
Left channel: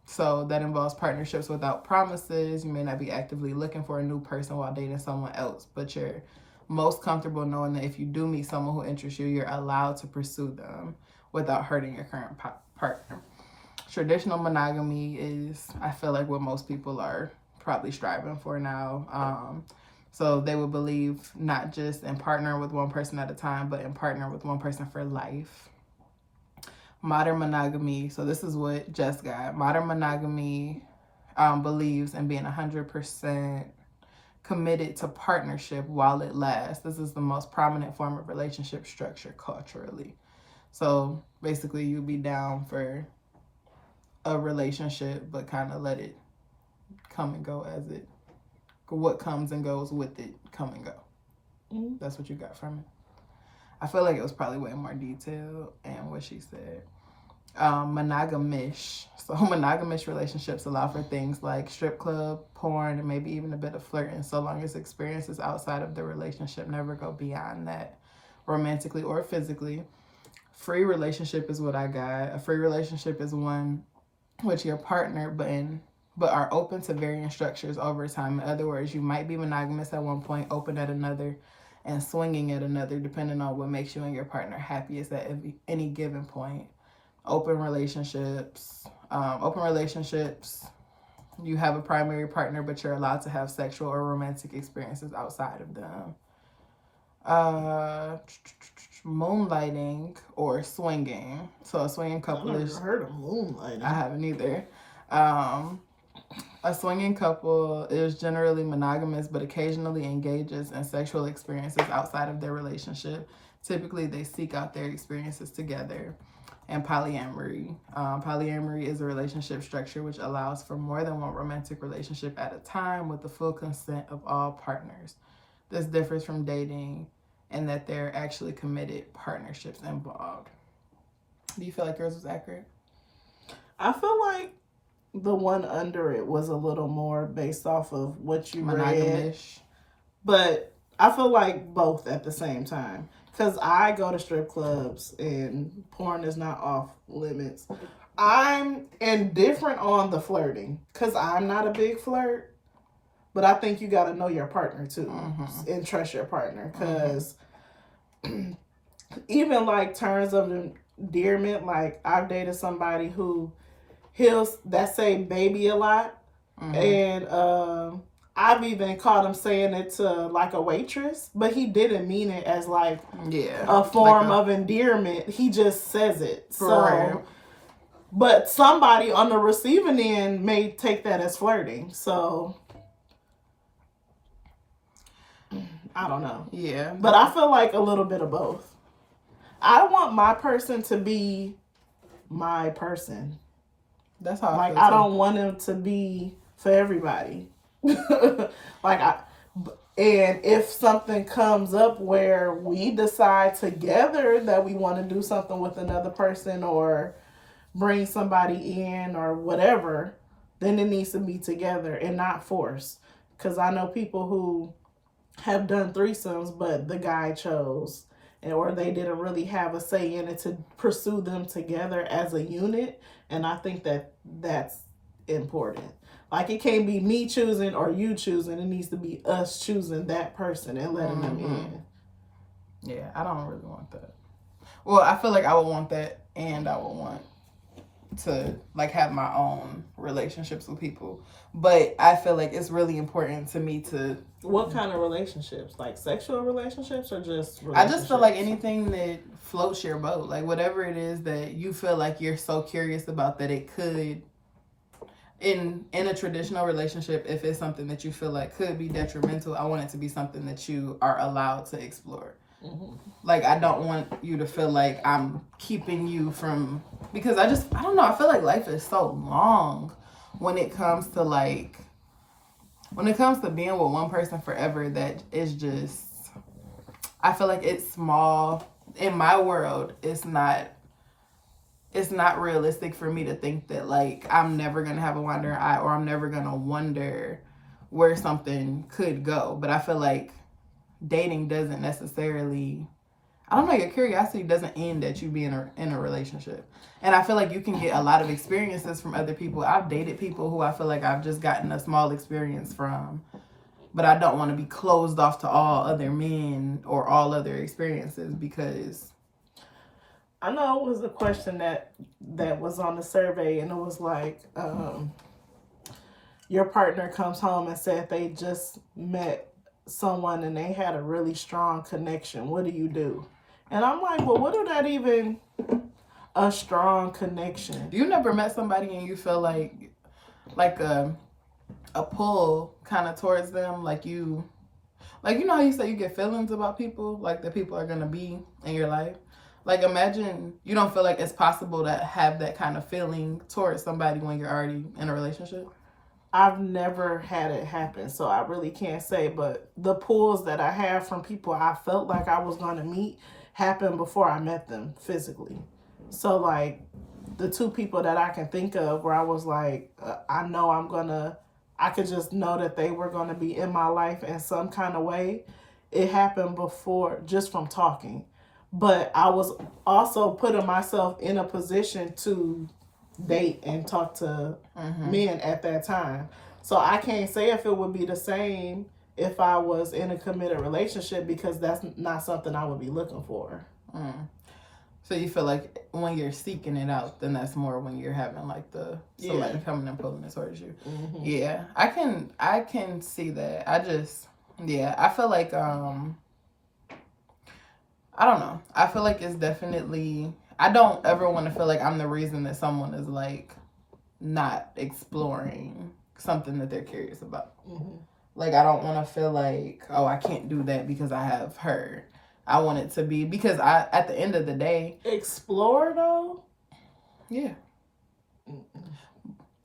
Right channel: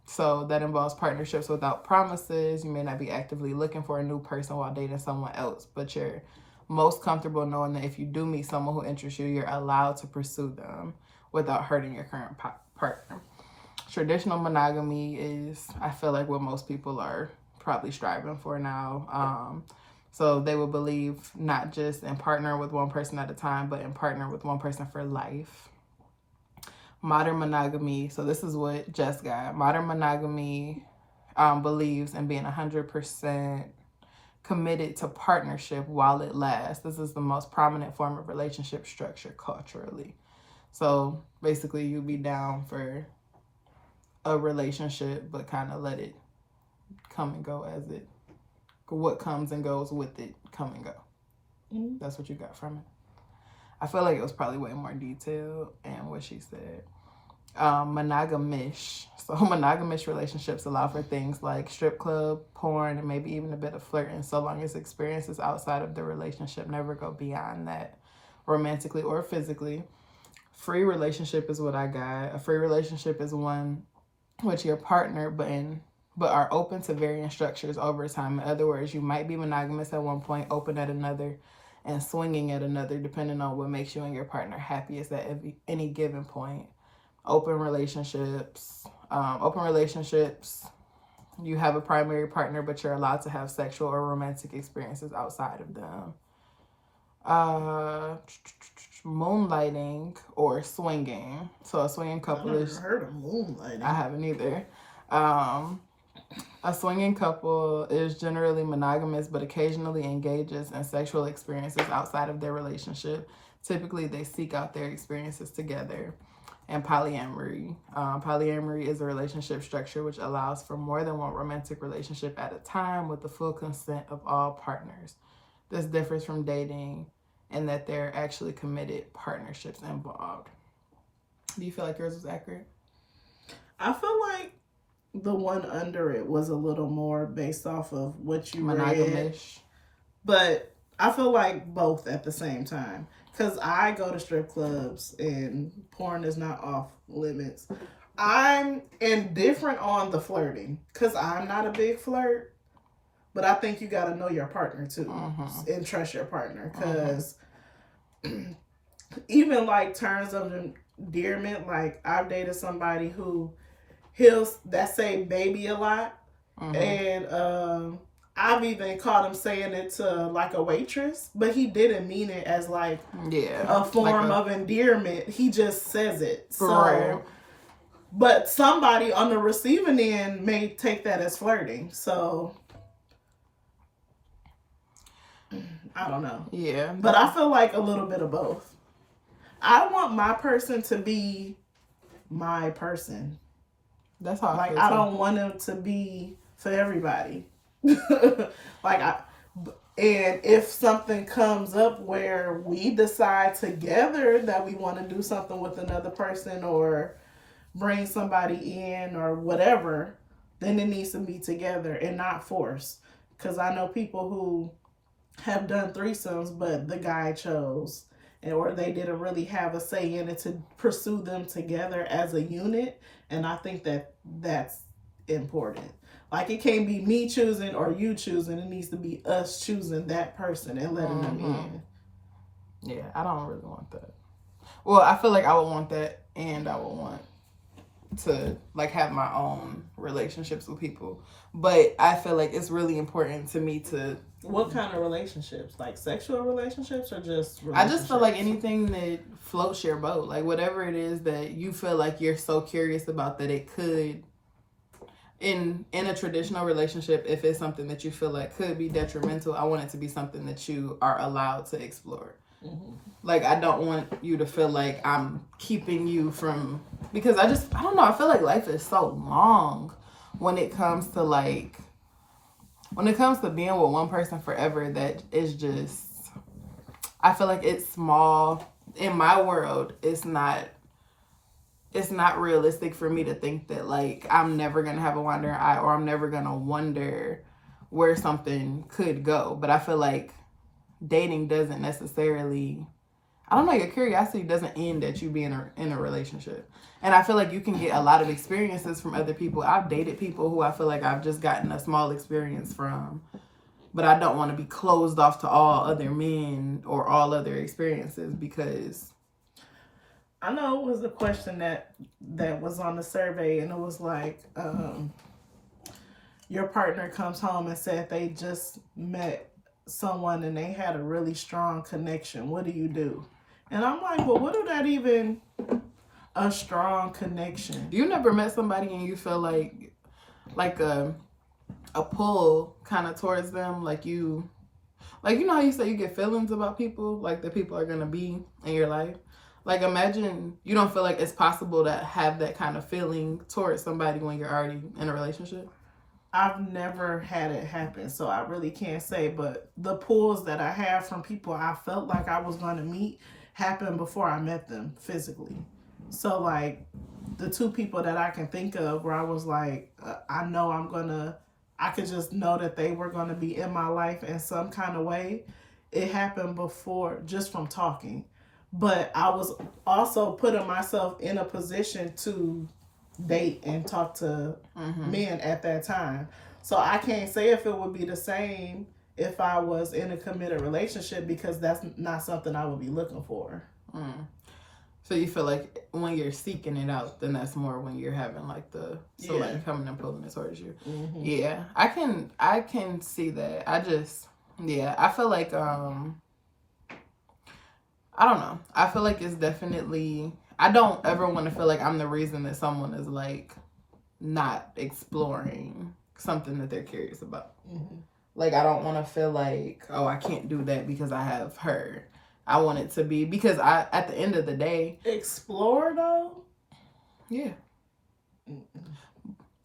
So that involves partnerships without promises. You may not be actively looking for a new person while dating someone else, but you're most comfortable knowing that if you do meet someone who interests you, you're allowed to pursue them without hurting your current partner. Traditional monogamy is, I feel like, what most people are probably striving for now. So they would believe not just in partnering with one person at a time, but in partnering with one person for life. Modern monogamy, so this is what Jess got. Modern monogamy believes in being 100% committed to partnership while it lasts. This is the most prominent form of relationship structure culturally. So basically you'd be down for a relationship, but kind of let it come and go as what comes and goes with it come and go. Mm-hmm. That's what you got from it. I feel like it was probably way more detailed and what she said. Monogamish. So monogamish relationships allow for things like strip club, porn, and maybe even a bit of flirting, so long as experiences outside of the relationship never go beyond that, romantically or physically. Free relationship is what I got. A free relationship is one with your partner, but are open to varying structures over time. In other words, you might be monogamous at one point, open at another, and swinging at another, depending on what makes you and your partner happiest at any given point. Open relationships, you have a primary partner, but you're allowed to have sexual or romantic experiences outside of them. Moonlighting or swinging. So a swinging couple I've never heard of moonlighting. I haven't either. A swinging couple is generally monogamous, but occasionally engages in sexual experiences outside of their relationship. Typically, they seek out their experiences together. And polyamory. Polyamory is a relationship structure which allows for more than one romantic relationship at a time with the full consent of all partners. This differs from dating in that there are actually committed partnerships involved. Do you feel like yours was accurate? I feel like the one under it was a little more based off of what you read. But I feel like both at the same time. Because I go to strip clubs and porn is not off limits. I'm indifferent on the flirting because I'm not a big flirt. But I think you got to know your partner too and trust your partner. Because even like terms of endearment, like I've dated somebody who he'll say baby a lot. And I've even caught him saying it to like a waitress, but he didn't mean it as like a form of endearment. He just says it. So But somebody on the receiving end may take that as flirting. So I don't know. Yeah. But I feel like a little bit of both. I want my person to be my person. That's how I like feel. I don't want him to be for everybody. And if something comes up where we decide together that we want to do something with another person or bring somebody in or whatever, then it needs to be together and not forced. Because I know people who have done threesomes, but the guy chose, or they didn't really have a say in it to pursue them together as a unit. And I think that that's important. Like, it can't be me choosing or you choosing. It needs to be us choosing that person and letting them in. Yeah, I don't really want that. Well, I feel like I would want that, and I would want to like have my own relationships with people. But I feel like it's really important to me to. What kind of relationships? Like sexual relationships or just relationships? I just feel like anything that floats your boat. Like whatever it is that you feel like you're so curious about that it could, in a traditional relationship, if it's something that you feel like could be detrimental, I want it to be something that you are allowed to explore. Mm-hmm. Like, I don't want you to feel like I'm keeping you from, because I don't know, I feel like life is so long when it comes to being with one person forever, that is just, I feel like it's small. In my world, it's not realistic for me to think that like I'm never gonna have a wandering eye, or I'm never gonna wonder where something could go. But I feel like dating doesn't necessarily, I don't know, your curiosity doesn't end at you being in a relationship. And I feel like you can get a lot of experiences from other people. I've dated people who I feel like I've just gotten a small experience from, but I don't want to be closed off to all other men or all other experiences, because I know it was a question that was on the survey, and it was like, your partner comes home and said they just met someone and they had a really strong connection. What do you do? And I'm like, well, what do that even a strong connection? You never met somebody and you feel like a pull kind of towards them, like you know how you say you get feelings about people, like that people are gonna be in your life. Like, imagine you don't feel like it's possible to have that kind of feeling towards somebody when you're already in a relationship. I've never had it happen, so I really can't say. But the pulls that I have from people I felt like I was going to meet happened before I met them physically. So, like, the two people that I can think of where I was like, I know I could just know that they were going to be in my life in some kind of way. It happened before, just from talking. But I was also putting myself in a position to date and talk to men at that time. So I can't say if it would be the same if I was in a committed relationship, because that's not something I would be looking for. So you feel like when you're seeking it out, then that's more when you're having like somebody coming and pulling it towards you. Mm-hmm. Yeah, I can see that. I feel like I don't know. I feel like it's definitely, I don't ever want to feel like I'm the reason that someone is like not exploring something that they're curious about. Mm-hmm. Like, I don't want to feel like, oh, I can't do that because I have her. I want it to be, because at the end of the day, explore though. Yeah.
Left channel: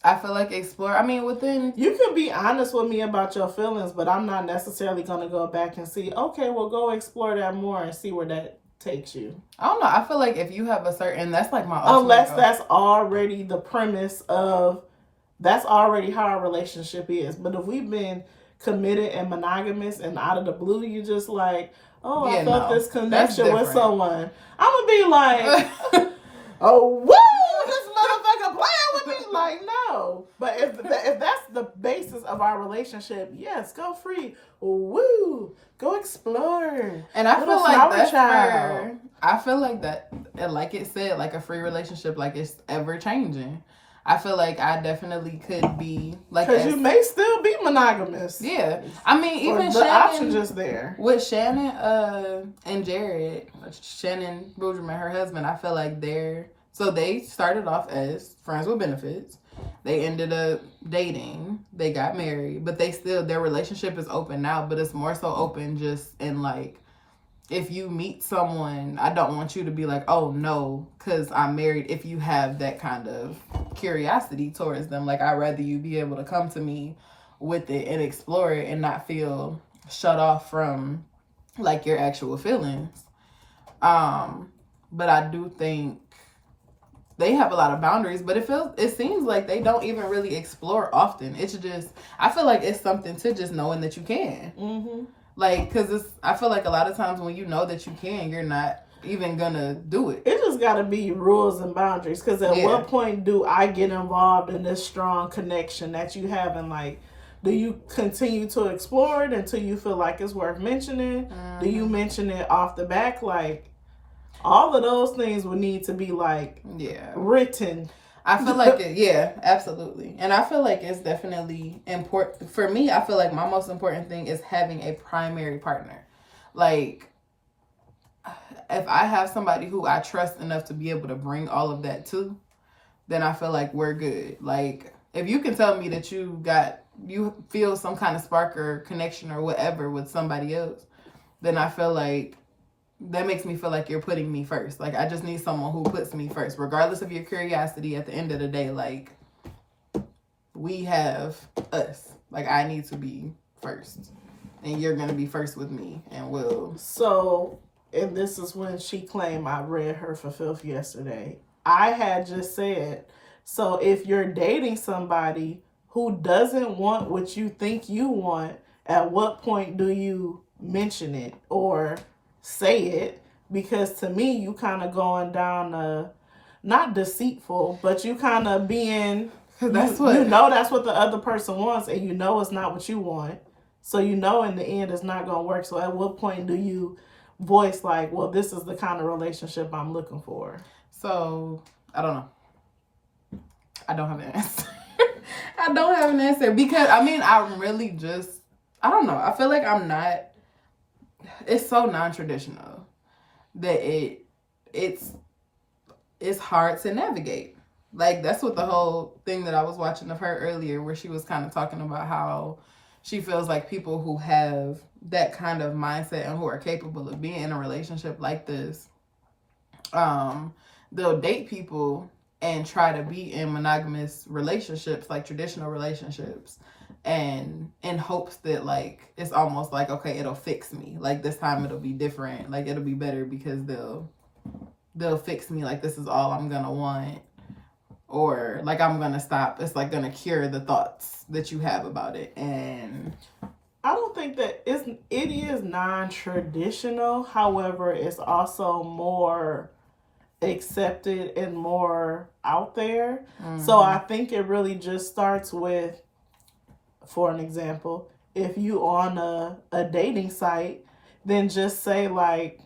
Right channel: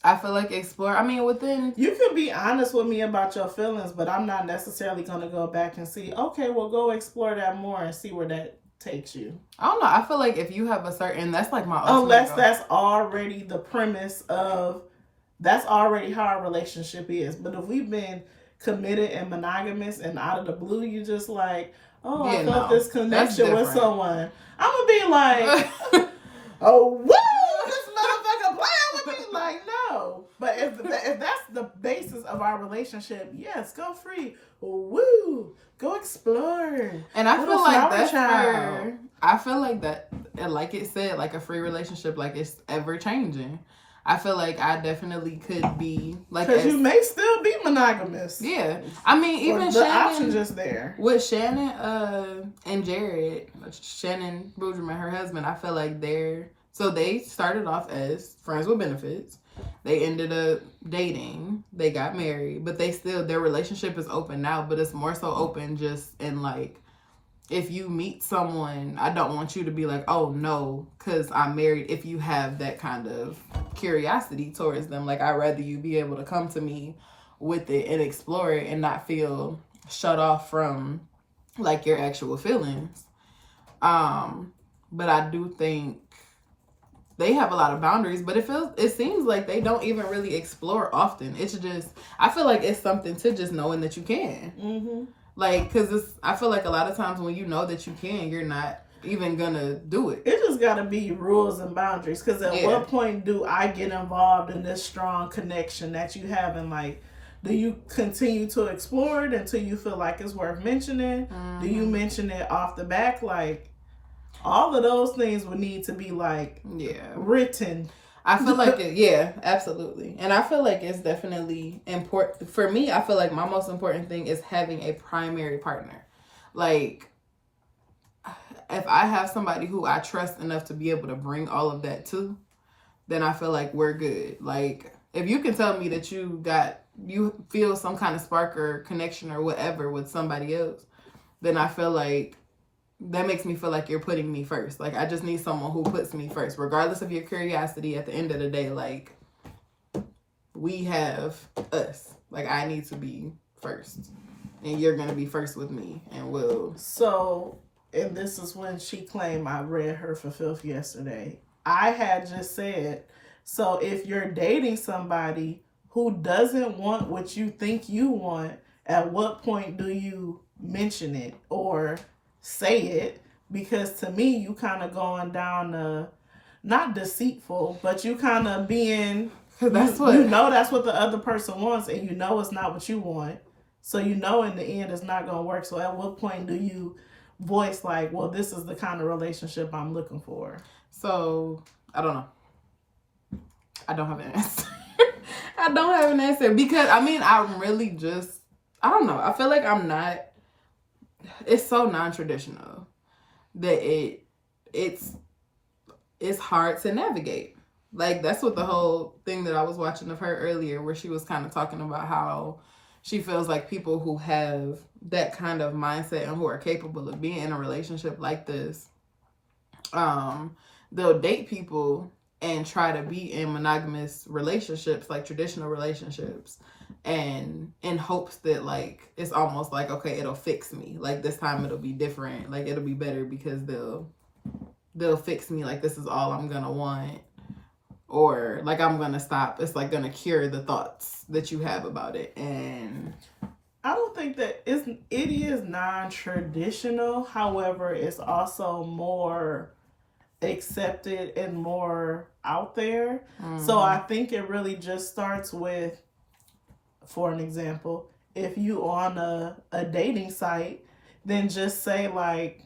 I feel like explore. I mean, within, you can be honest with me about your feelings, but I'm not necessarily gonna go back and see, okay, well, go explore that more and see where that takes you. I don't know. I feel like if you have a certain, that's like my unless goal. That's already the premise of, that's already how our relationship is. But if we've been committed and monogamous and out of the blue you just like, oh, yeah, I felt this connection with someone, I'm gonna be like, oh, what? This motherfucker playing with me? Like, no. But if that's the basis of our relationship, yes, go free. Woo. Go explore. And I feel like that's fair. I feel like that, like it said, like a free relationship, like it's ever changing. I feel like I definitely could be like, because you may still be monogamous. Yeah, I mean, even the option just there with Shannon and Jared, Shannon Boudreaume, her husband. I feel like they're So they started off as friends with benefits. They ended up dating. They got married, but their relationship is open now, but it's more so open just in like, if you meet someone, I don't want you to be like, oh no, because I'm married. If you have that kind of curiosity towards them, like, I'd rather you be able to come to me with it and explore it and not feel shut off from like your actual feelings. But I do think they have a lot of boundaries, but it seems like they don't even really explore often. It's just, I feel like it's something to just knowing that you can. Mm-hmm. Like, because I feel like a lot of times when you know that you can, you're not even gonna do it. It just gotta be rules and boundaries. Because at what point do I get involved in this strong connection that you have? And like, do you continue to explore it until you feel like it's worth mentioning? Mm-hmm. Do you mention it off the back? Like, all of those things would need to be like written. I feel like absolutely. And I feel like it's definitely important. For me, I feel like my most important thing is having a primary partner. Like, if I have somebody who I trust enough to be able to bring all of that to, then I feel like we're good. Like, if you can tell me that you feel some kind of spark or connection or whatever with somebody else, then I feel like that makes me feel like you're putting me first. Like, I just need someone who puts me first, regardless of your curiosity. At the end of the day, like, we have us. Like, I need to be first, and you're gonna be first with me, and we'll. So, and this is when she claimed I read her for filth yesterday. I had just said, so if you're dating somebody who doesn't want what you think you want, at what point do you mention it or say it? Because to me, you kind of going down not deceitful, but you kind of being, that's what the other person wants, and you know it's not what you want, so you know in the end it's not going to work. So at what point do you voice like, well, this is the kind of relationship I'm looking for? So I don't know. I don't have an answer. I don't have an answer, because I'm really just, I don't know. I feel like it's so non-traditional that it's hard to navigate. Like, that's what the whole thing that I was watching of her earlier, where she was kind of talking about how she feels like people who have that kind of mindset and who are capable of being in a relationship like this, they'll date people and try to be in monogamous relationships, like traditional relationships, and in hopes that, like, it's almost like, okay, it'll fix me. Like, this time it'll be different. Like, it'll be better because they'll fix me. Like, this is all I'm gonna want. Or, like, I'm gonna stop. It's, like, gonna cure the thoughts that you have about it. And I don't think that it is non-traditional. However, it's also more accepted and more out there. Mm-hmm. So I think it really just starts with, for an example, if you on a dating site, then just say, like,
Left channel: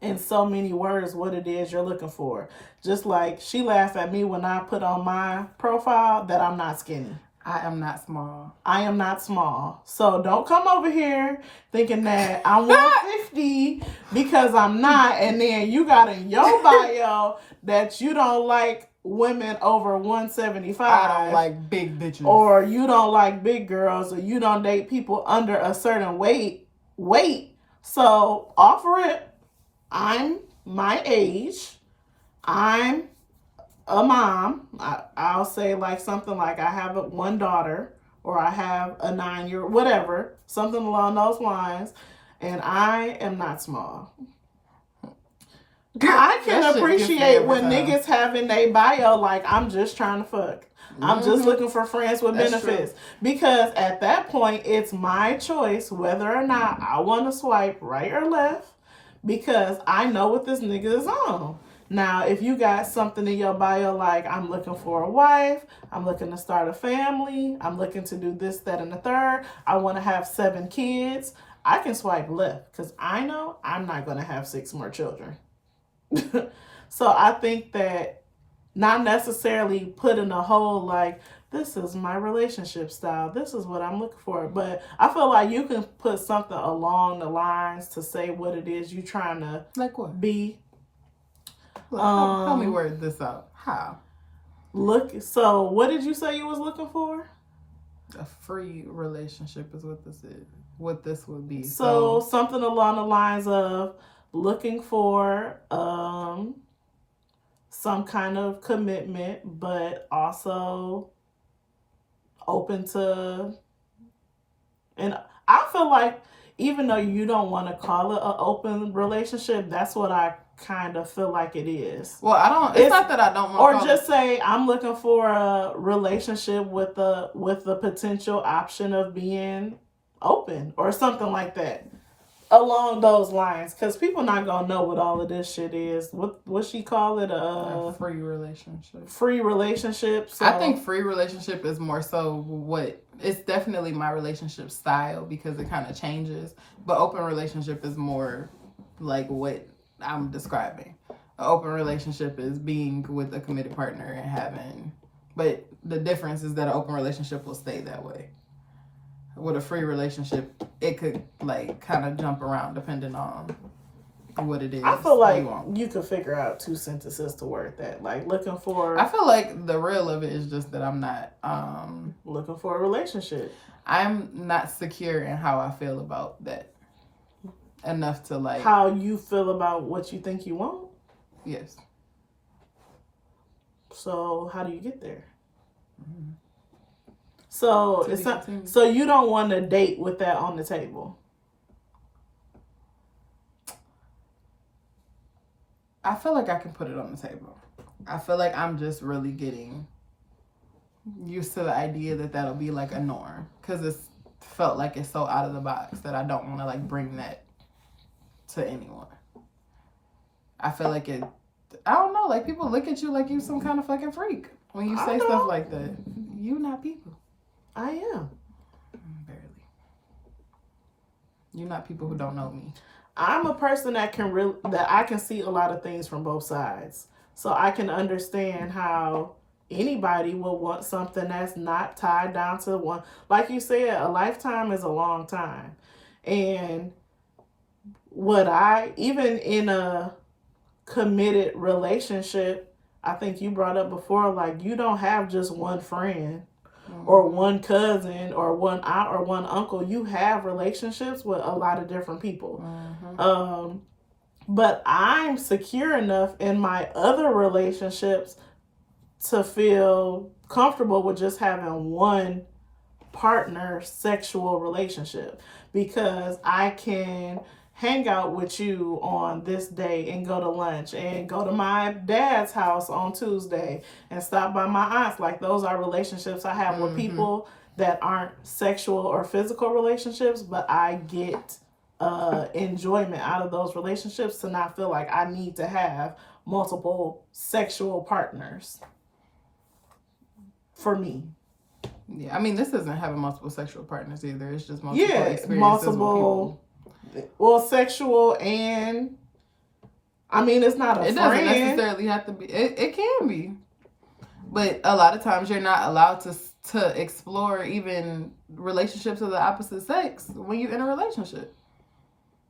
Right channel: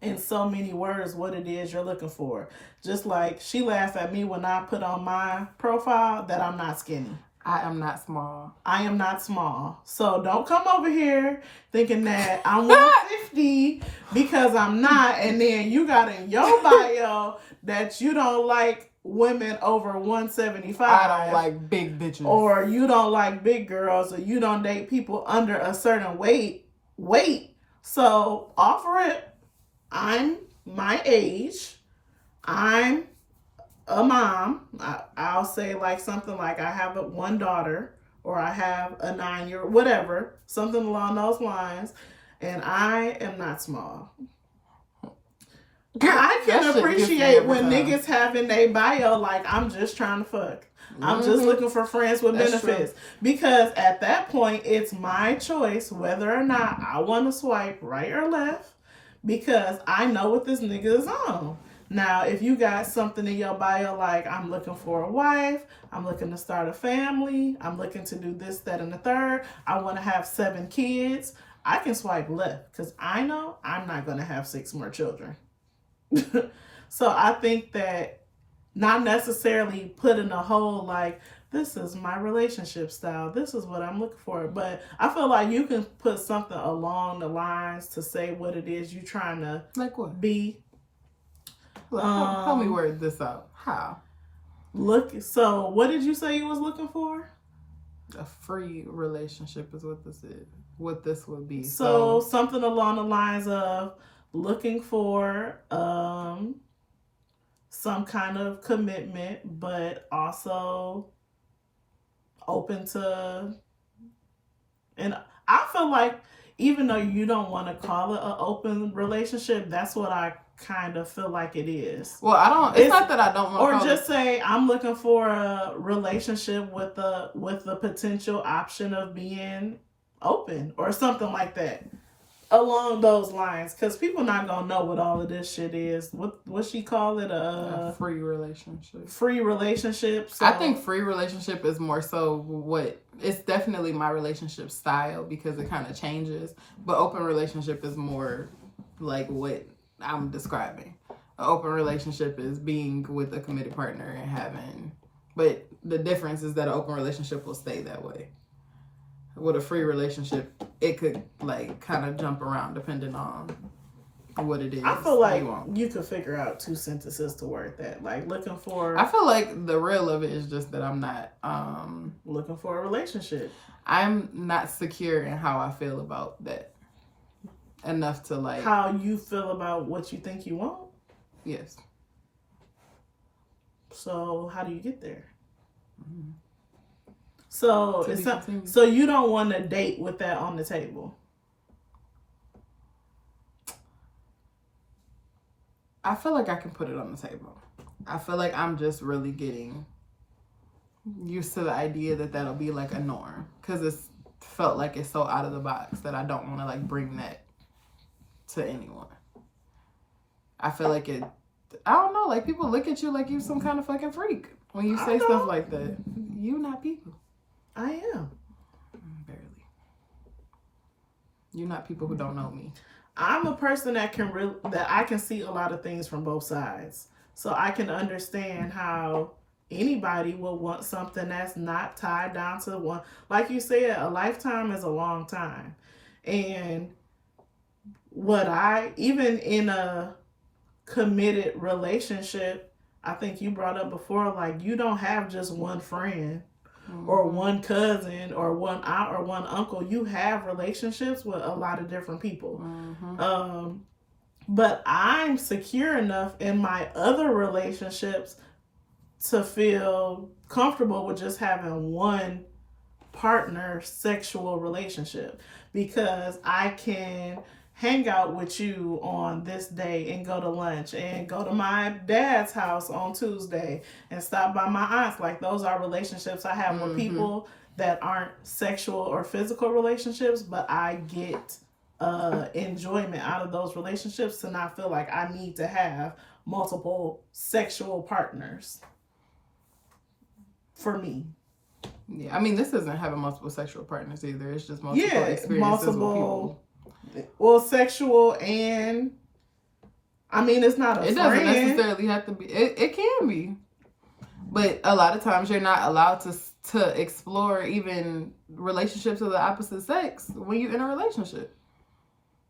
in so many words what it is you're looking for. Just like she laughed at me when I put on my profile that I'm not skinny. I am not small. I am not small. So don't come over here thinking that I'm 150 because I'm not, and then you got in your bio that you don't like women over 175. I don't like big bitches. Or you don't like big girls, or you don't date people under a certain weight. So offer it. I'm my age. I'm a mom. I'll say like something like I have one daughter, or I have a 9-year, whatever, something along those lines, and I am not small. I can appreciate when niggas have in their bio like, I'm just trying to fuck. I'm just looking for friends with benefits. Because at that point, it's my choice whether or not I want to swipe right or left, because I know what this nigga is on. Now, if you got something in your bio like, I'm looking for a wife, I'm looking to start a family, I'm looking to do this, that, and the third, I want to have 7 kids, I can swipe left, because I know I'm not going to have 6 more children. So I think that not necessarily putting a whole like, this is my relationship style, this is what I'm looking for, but I feel like you can put something along the lines to say what it is you're trying to like what? Be. Help me word this out. How? So what did you say you was looking for? A free relationship is what this is. What this would be. So something along the lines of looking for some kind of commitment, but also open to. And I feel like even though you don't want to call it an open relationship, that's what I kind of feel like it is. Well, I don't. It's not that I don't want. Or just say I'm looking for a relationship with the potential option of being open or something like that, along those lines. Because people not gonna know what all of this shit is. What she call it? A free relationship. Free relationship. So. I think free relationship is more so what it's definitely my relationship style because it kind of changes. But open relationship is more like what I'm describing. An open relationship is being with a committed partner and having, but the difference is that an open relationship will stay that way. With a free relationship, it could like kind of jump around depending on what it is. I feel like you could figure out 2 sentences to word that. Like looking for. I feel like the real of it is just that I'm not looking for a relationship. I'm not secure in how I feel about that. Enough to like how you feel about what you think you want. Yes. So how do you get there? Mm-hmm. So it's not. So you don't want to date with that on the table. I feel like I can put it on the table. I feel like I'm just really getting used to the idea that that'll be like a norm because it's felt like it's so out of the box that I don't want to like bring that to anyone. I feel like it. I don't know. Like people look at you like you some kind of fucking freak when you say stuff like that. You not people. I am. Barely. You're not people who don't know me. I'm a person that that I can see a lot of things from both sides. So I can understand how anybody will want something that's not tied down to one. Like you said, a lifetime is a long time. And even in a committed relationship, I think you brought up before, like you don't have just one friend or one cousin or one aunt or one uncle. You have relationships with a lot of different people. But I'm secure enough in my other relationships to feel comfortable with just having one partner sexual relationship because I can hang out with you on this day and go to lunch and go to my dad's house on Tuesday and stop by my aunt's. Like those are relationships I have with people that aren't sexual or physical relationships, but I get enjoyment out of those relationships to not feel like I need to have multiple sexual partners for me. Yeah, I mean, this isn't having multiple sexual partners either. It's just multiple experiences with people. Well, sexual and I mean, it's not a friend. It doesn't necessarily have to be. It can be, but a lot of times you're not allowed to explore even relationships of the opposite sex when you're in a relationship.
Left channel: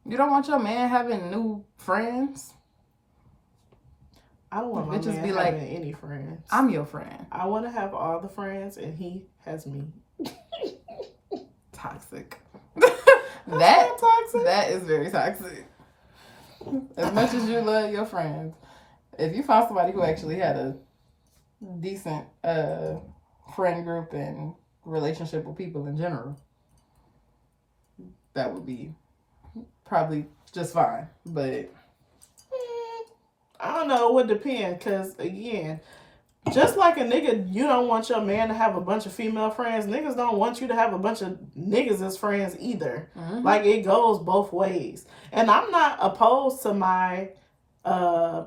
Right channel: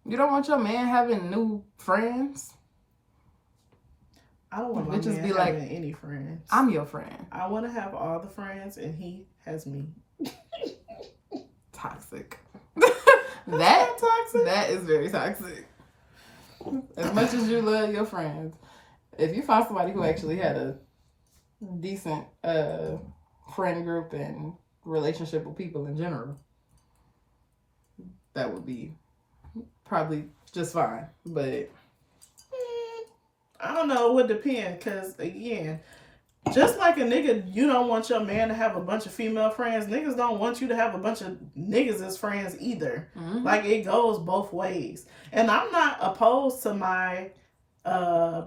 You don't want your man having new friends. I don't want my man be like any friends. I'm your friend. I want to have all the friends, and he has me. Toxic. That is very toxic. As much as you love your friends, if you find somebody who actually had a decent friend group and relationship with people in general, that would be probably just fine. But I don't know. It would depend because again, just like a nigga, you don't want your man to have a bunch of female friends. Niggas don't want you to have a bunch of niggas as friends either. Like it goes both ways. And I'm not opposed to my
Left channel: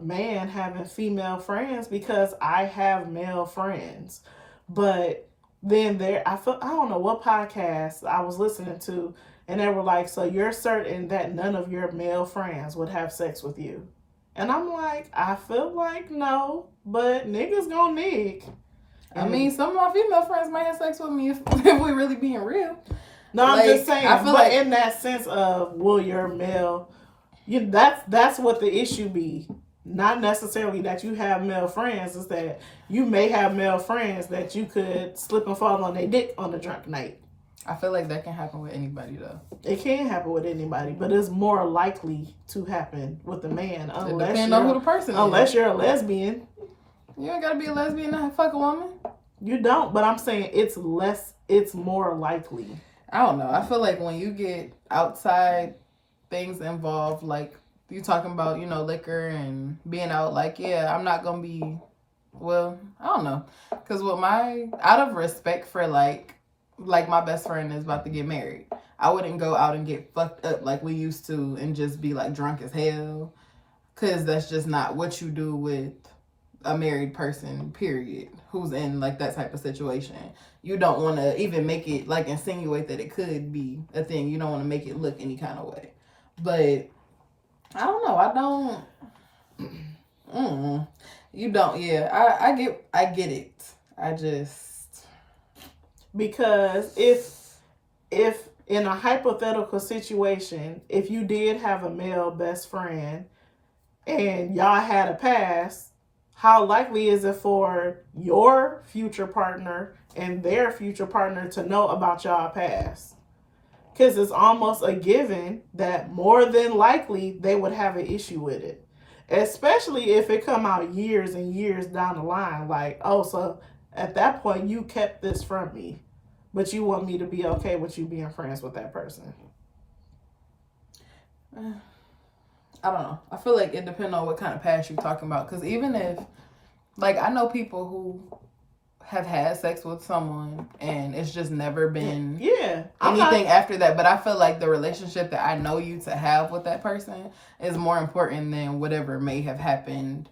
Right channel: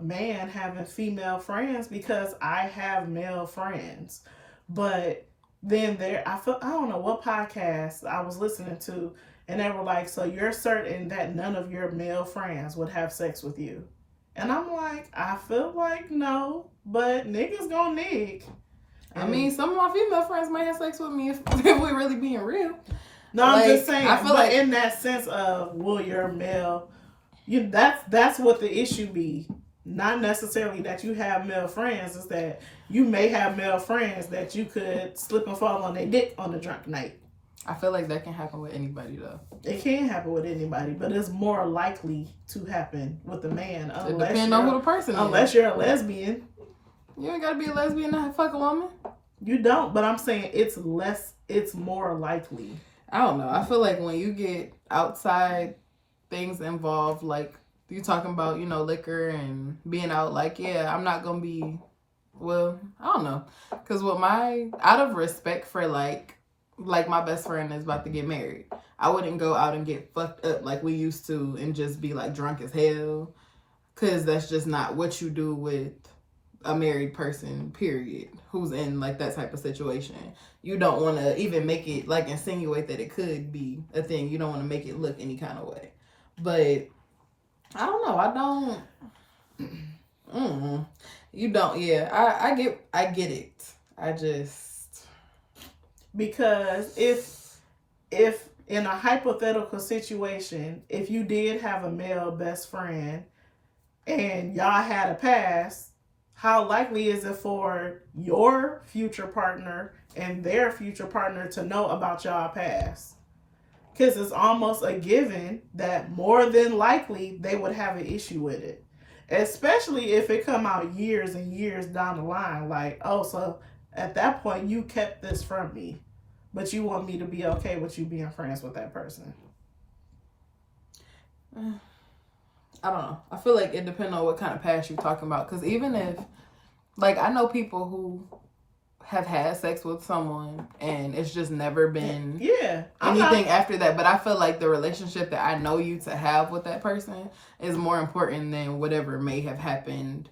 man having female friends because I have male friends. But then I don't know what podcast I was listening to, and they were like, so you're certain that none of your male friends would have sex with you? And I'm like, I feel like no, but niggas gonna nig. I mean, some of my female friends might have sex with me if we really being real. No, like, I'm just saying. I feel like in that sense of will your male, that's what the issue be. not necessarily that you have male friends, is that you may have male friends that you could slip and fall on their dick on a drunk night. I feel like that can happen with anybody though. It can happen with anybody, but it's more likely to happen with a man. It depends on who the person is. Unless you're a lesbian. You ain't gotta be a lesbian to fuck a woman. You don't, but I'm saying it's more likely. I don't know. I feel like when you get outside things involved, like you talking about, you know, liquor and being out, like, yeah, I'm not gonna be, well, I don't know. Because with out of respect for like my best friend is about to get married, I wouldn't go out and get fucked up like we used to and just be like drunk as hell. Because that's just not what you do with a married person, period, who's in like that type of situation. You don't want to even make it like insinuate that it could be a thing. You don't want to make it look any kind of way. But I don't know. You don't. Yeah, I get it. I just, because if in a hypothetical situation, if you did have a male best friend and y'all had a past, how likely is it for your future partner and their future partner to know about y'all past? Because it's almost a given that more than likely they would have an issue with it. Especially if it come out years and years down the line. Like, oh, so at that point you kept this from me, but you want me to be okay with you being friends with that person. I don't know. I feel like it depends on what kind of past you're talking about. Because even if, like, I know people who have had sex with someone and it's just never been anything after that. But I feel like the relationship that I know you to have with that person is more important than whatever may have happened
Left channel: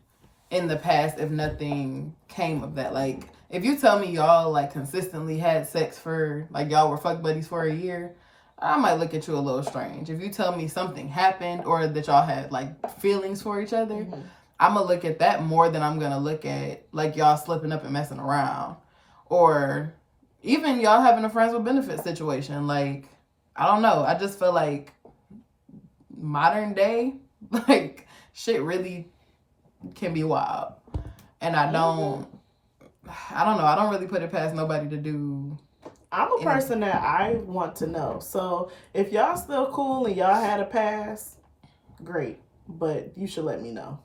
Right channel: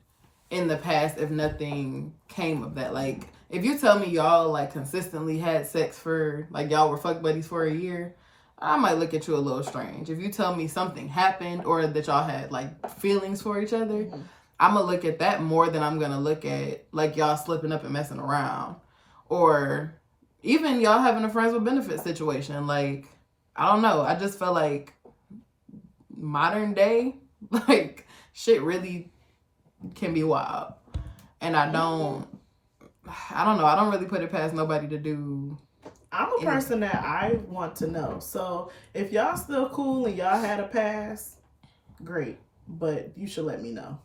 in the past if nothing came of that. Like, if you tell me y'all, like, consistently had sex for, like, y'all were fuck buddies for a year, I might look at you a little strange. If you tell me something happened or that y'all had, like, feelings for each other, I'm going to look at that more than I'm going to look at, like, y'all slipping up and messing around. Or even y'all having a friends with benefits situation. Like, I don't know. I just feel like modern day, like, shit really can be wild. And I don't know. I don't really put it past nobody to do. I'm a person that I want to know. So if y'all still cool and y'all had a past, great. But you should let me know.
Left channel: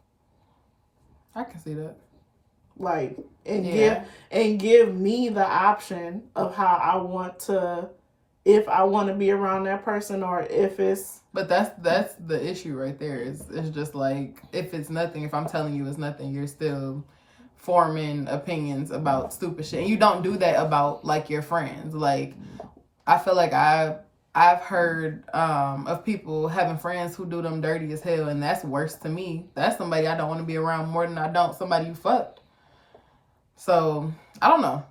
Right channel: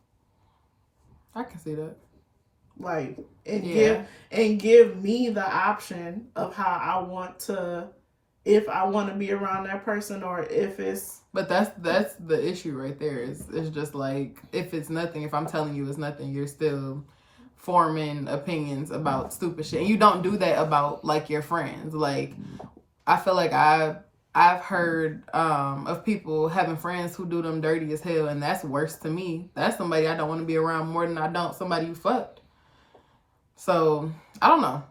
I can see that. Like, and give me the option of how I want to, if I want to be around that person or if it's. But that's the issue right there. It's just like, if it's nothing, if I'm telling you it's nothing, you're still forming opinions about stupid shit. And you don't do that about, like, your friends. Like, I feel like I've heard of people having friends who do them dirty as hell, and that's worse to me. That's somebody I don't want to be around more than I don't somebody you fucked. So, I don't know.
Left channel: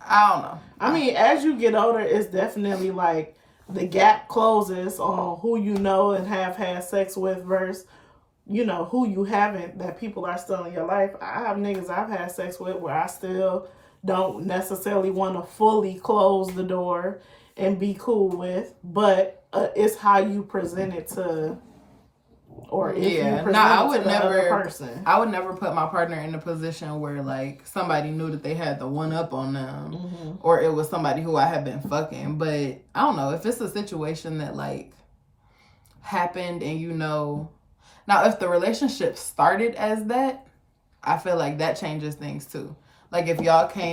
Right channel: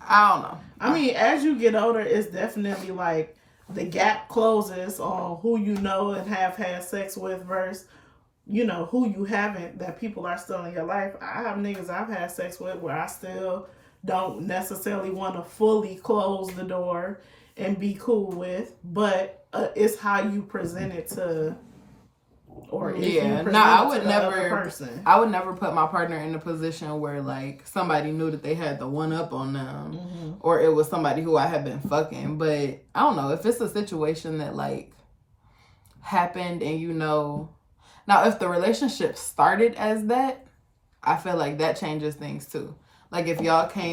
I mean, as you get older, it's definitely like the gap closes on who you know and have had sex with versus, you know, who you haven't, that people are still in your life. I have niggas I've had sex with where I still don't necessarily want to fully close the door and be cool with, but it's how you present it to, or if you present I it would to the other person. I would never put my partner in a position where, like, somebody knew that they had the one up on them, or it was somebody who I had been fucking. But I don't know, if it's a situation that, like, happened and you know, now if the relationship started as that, I feel like that changes things too. Like, if y'all came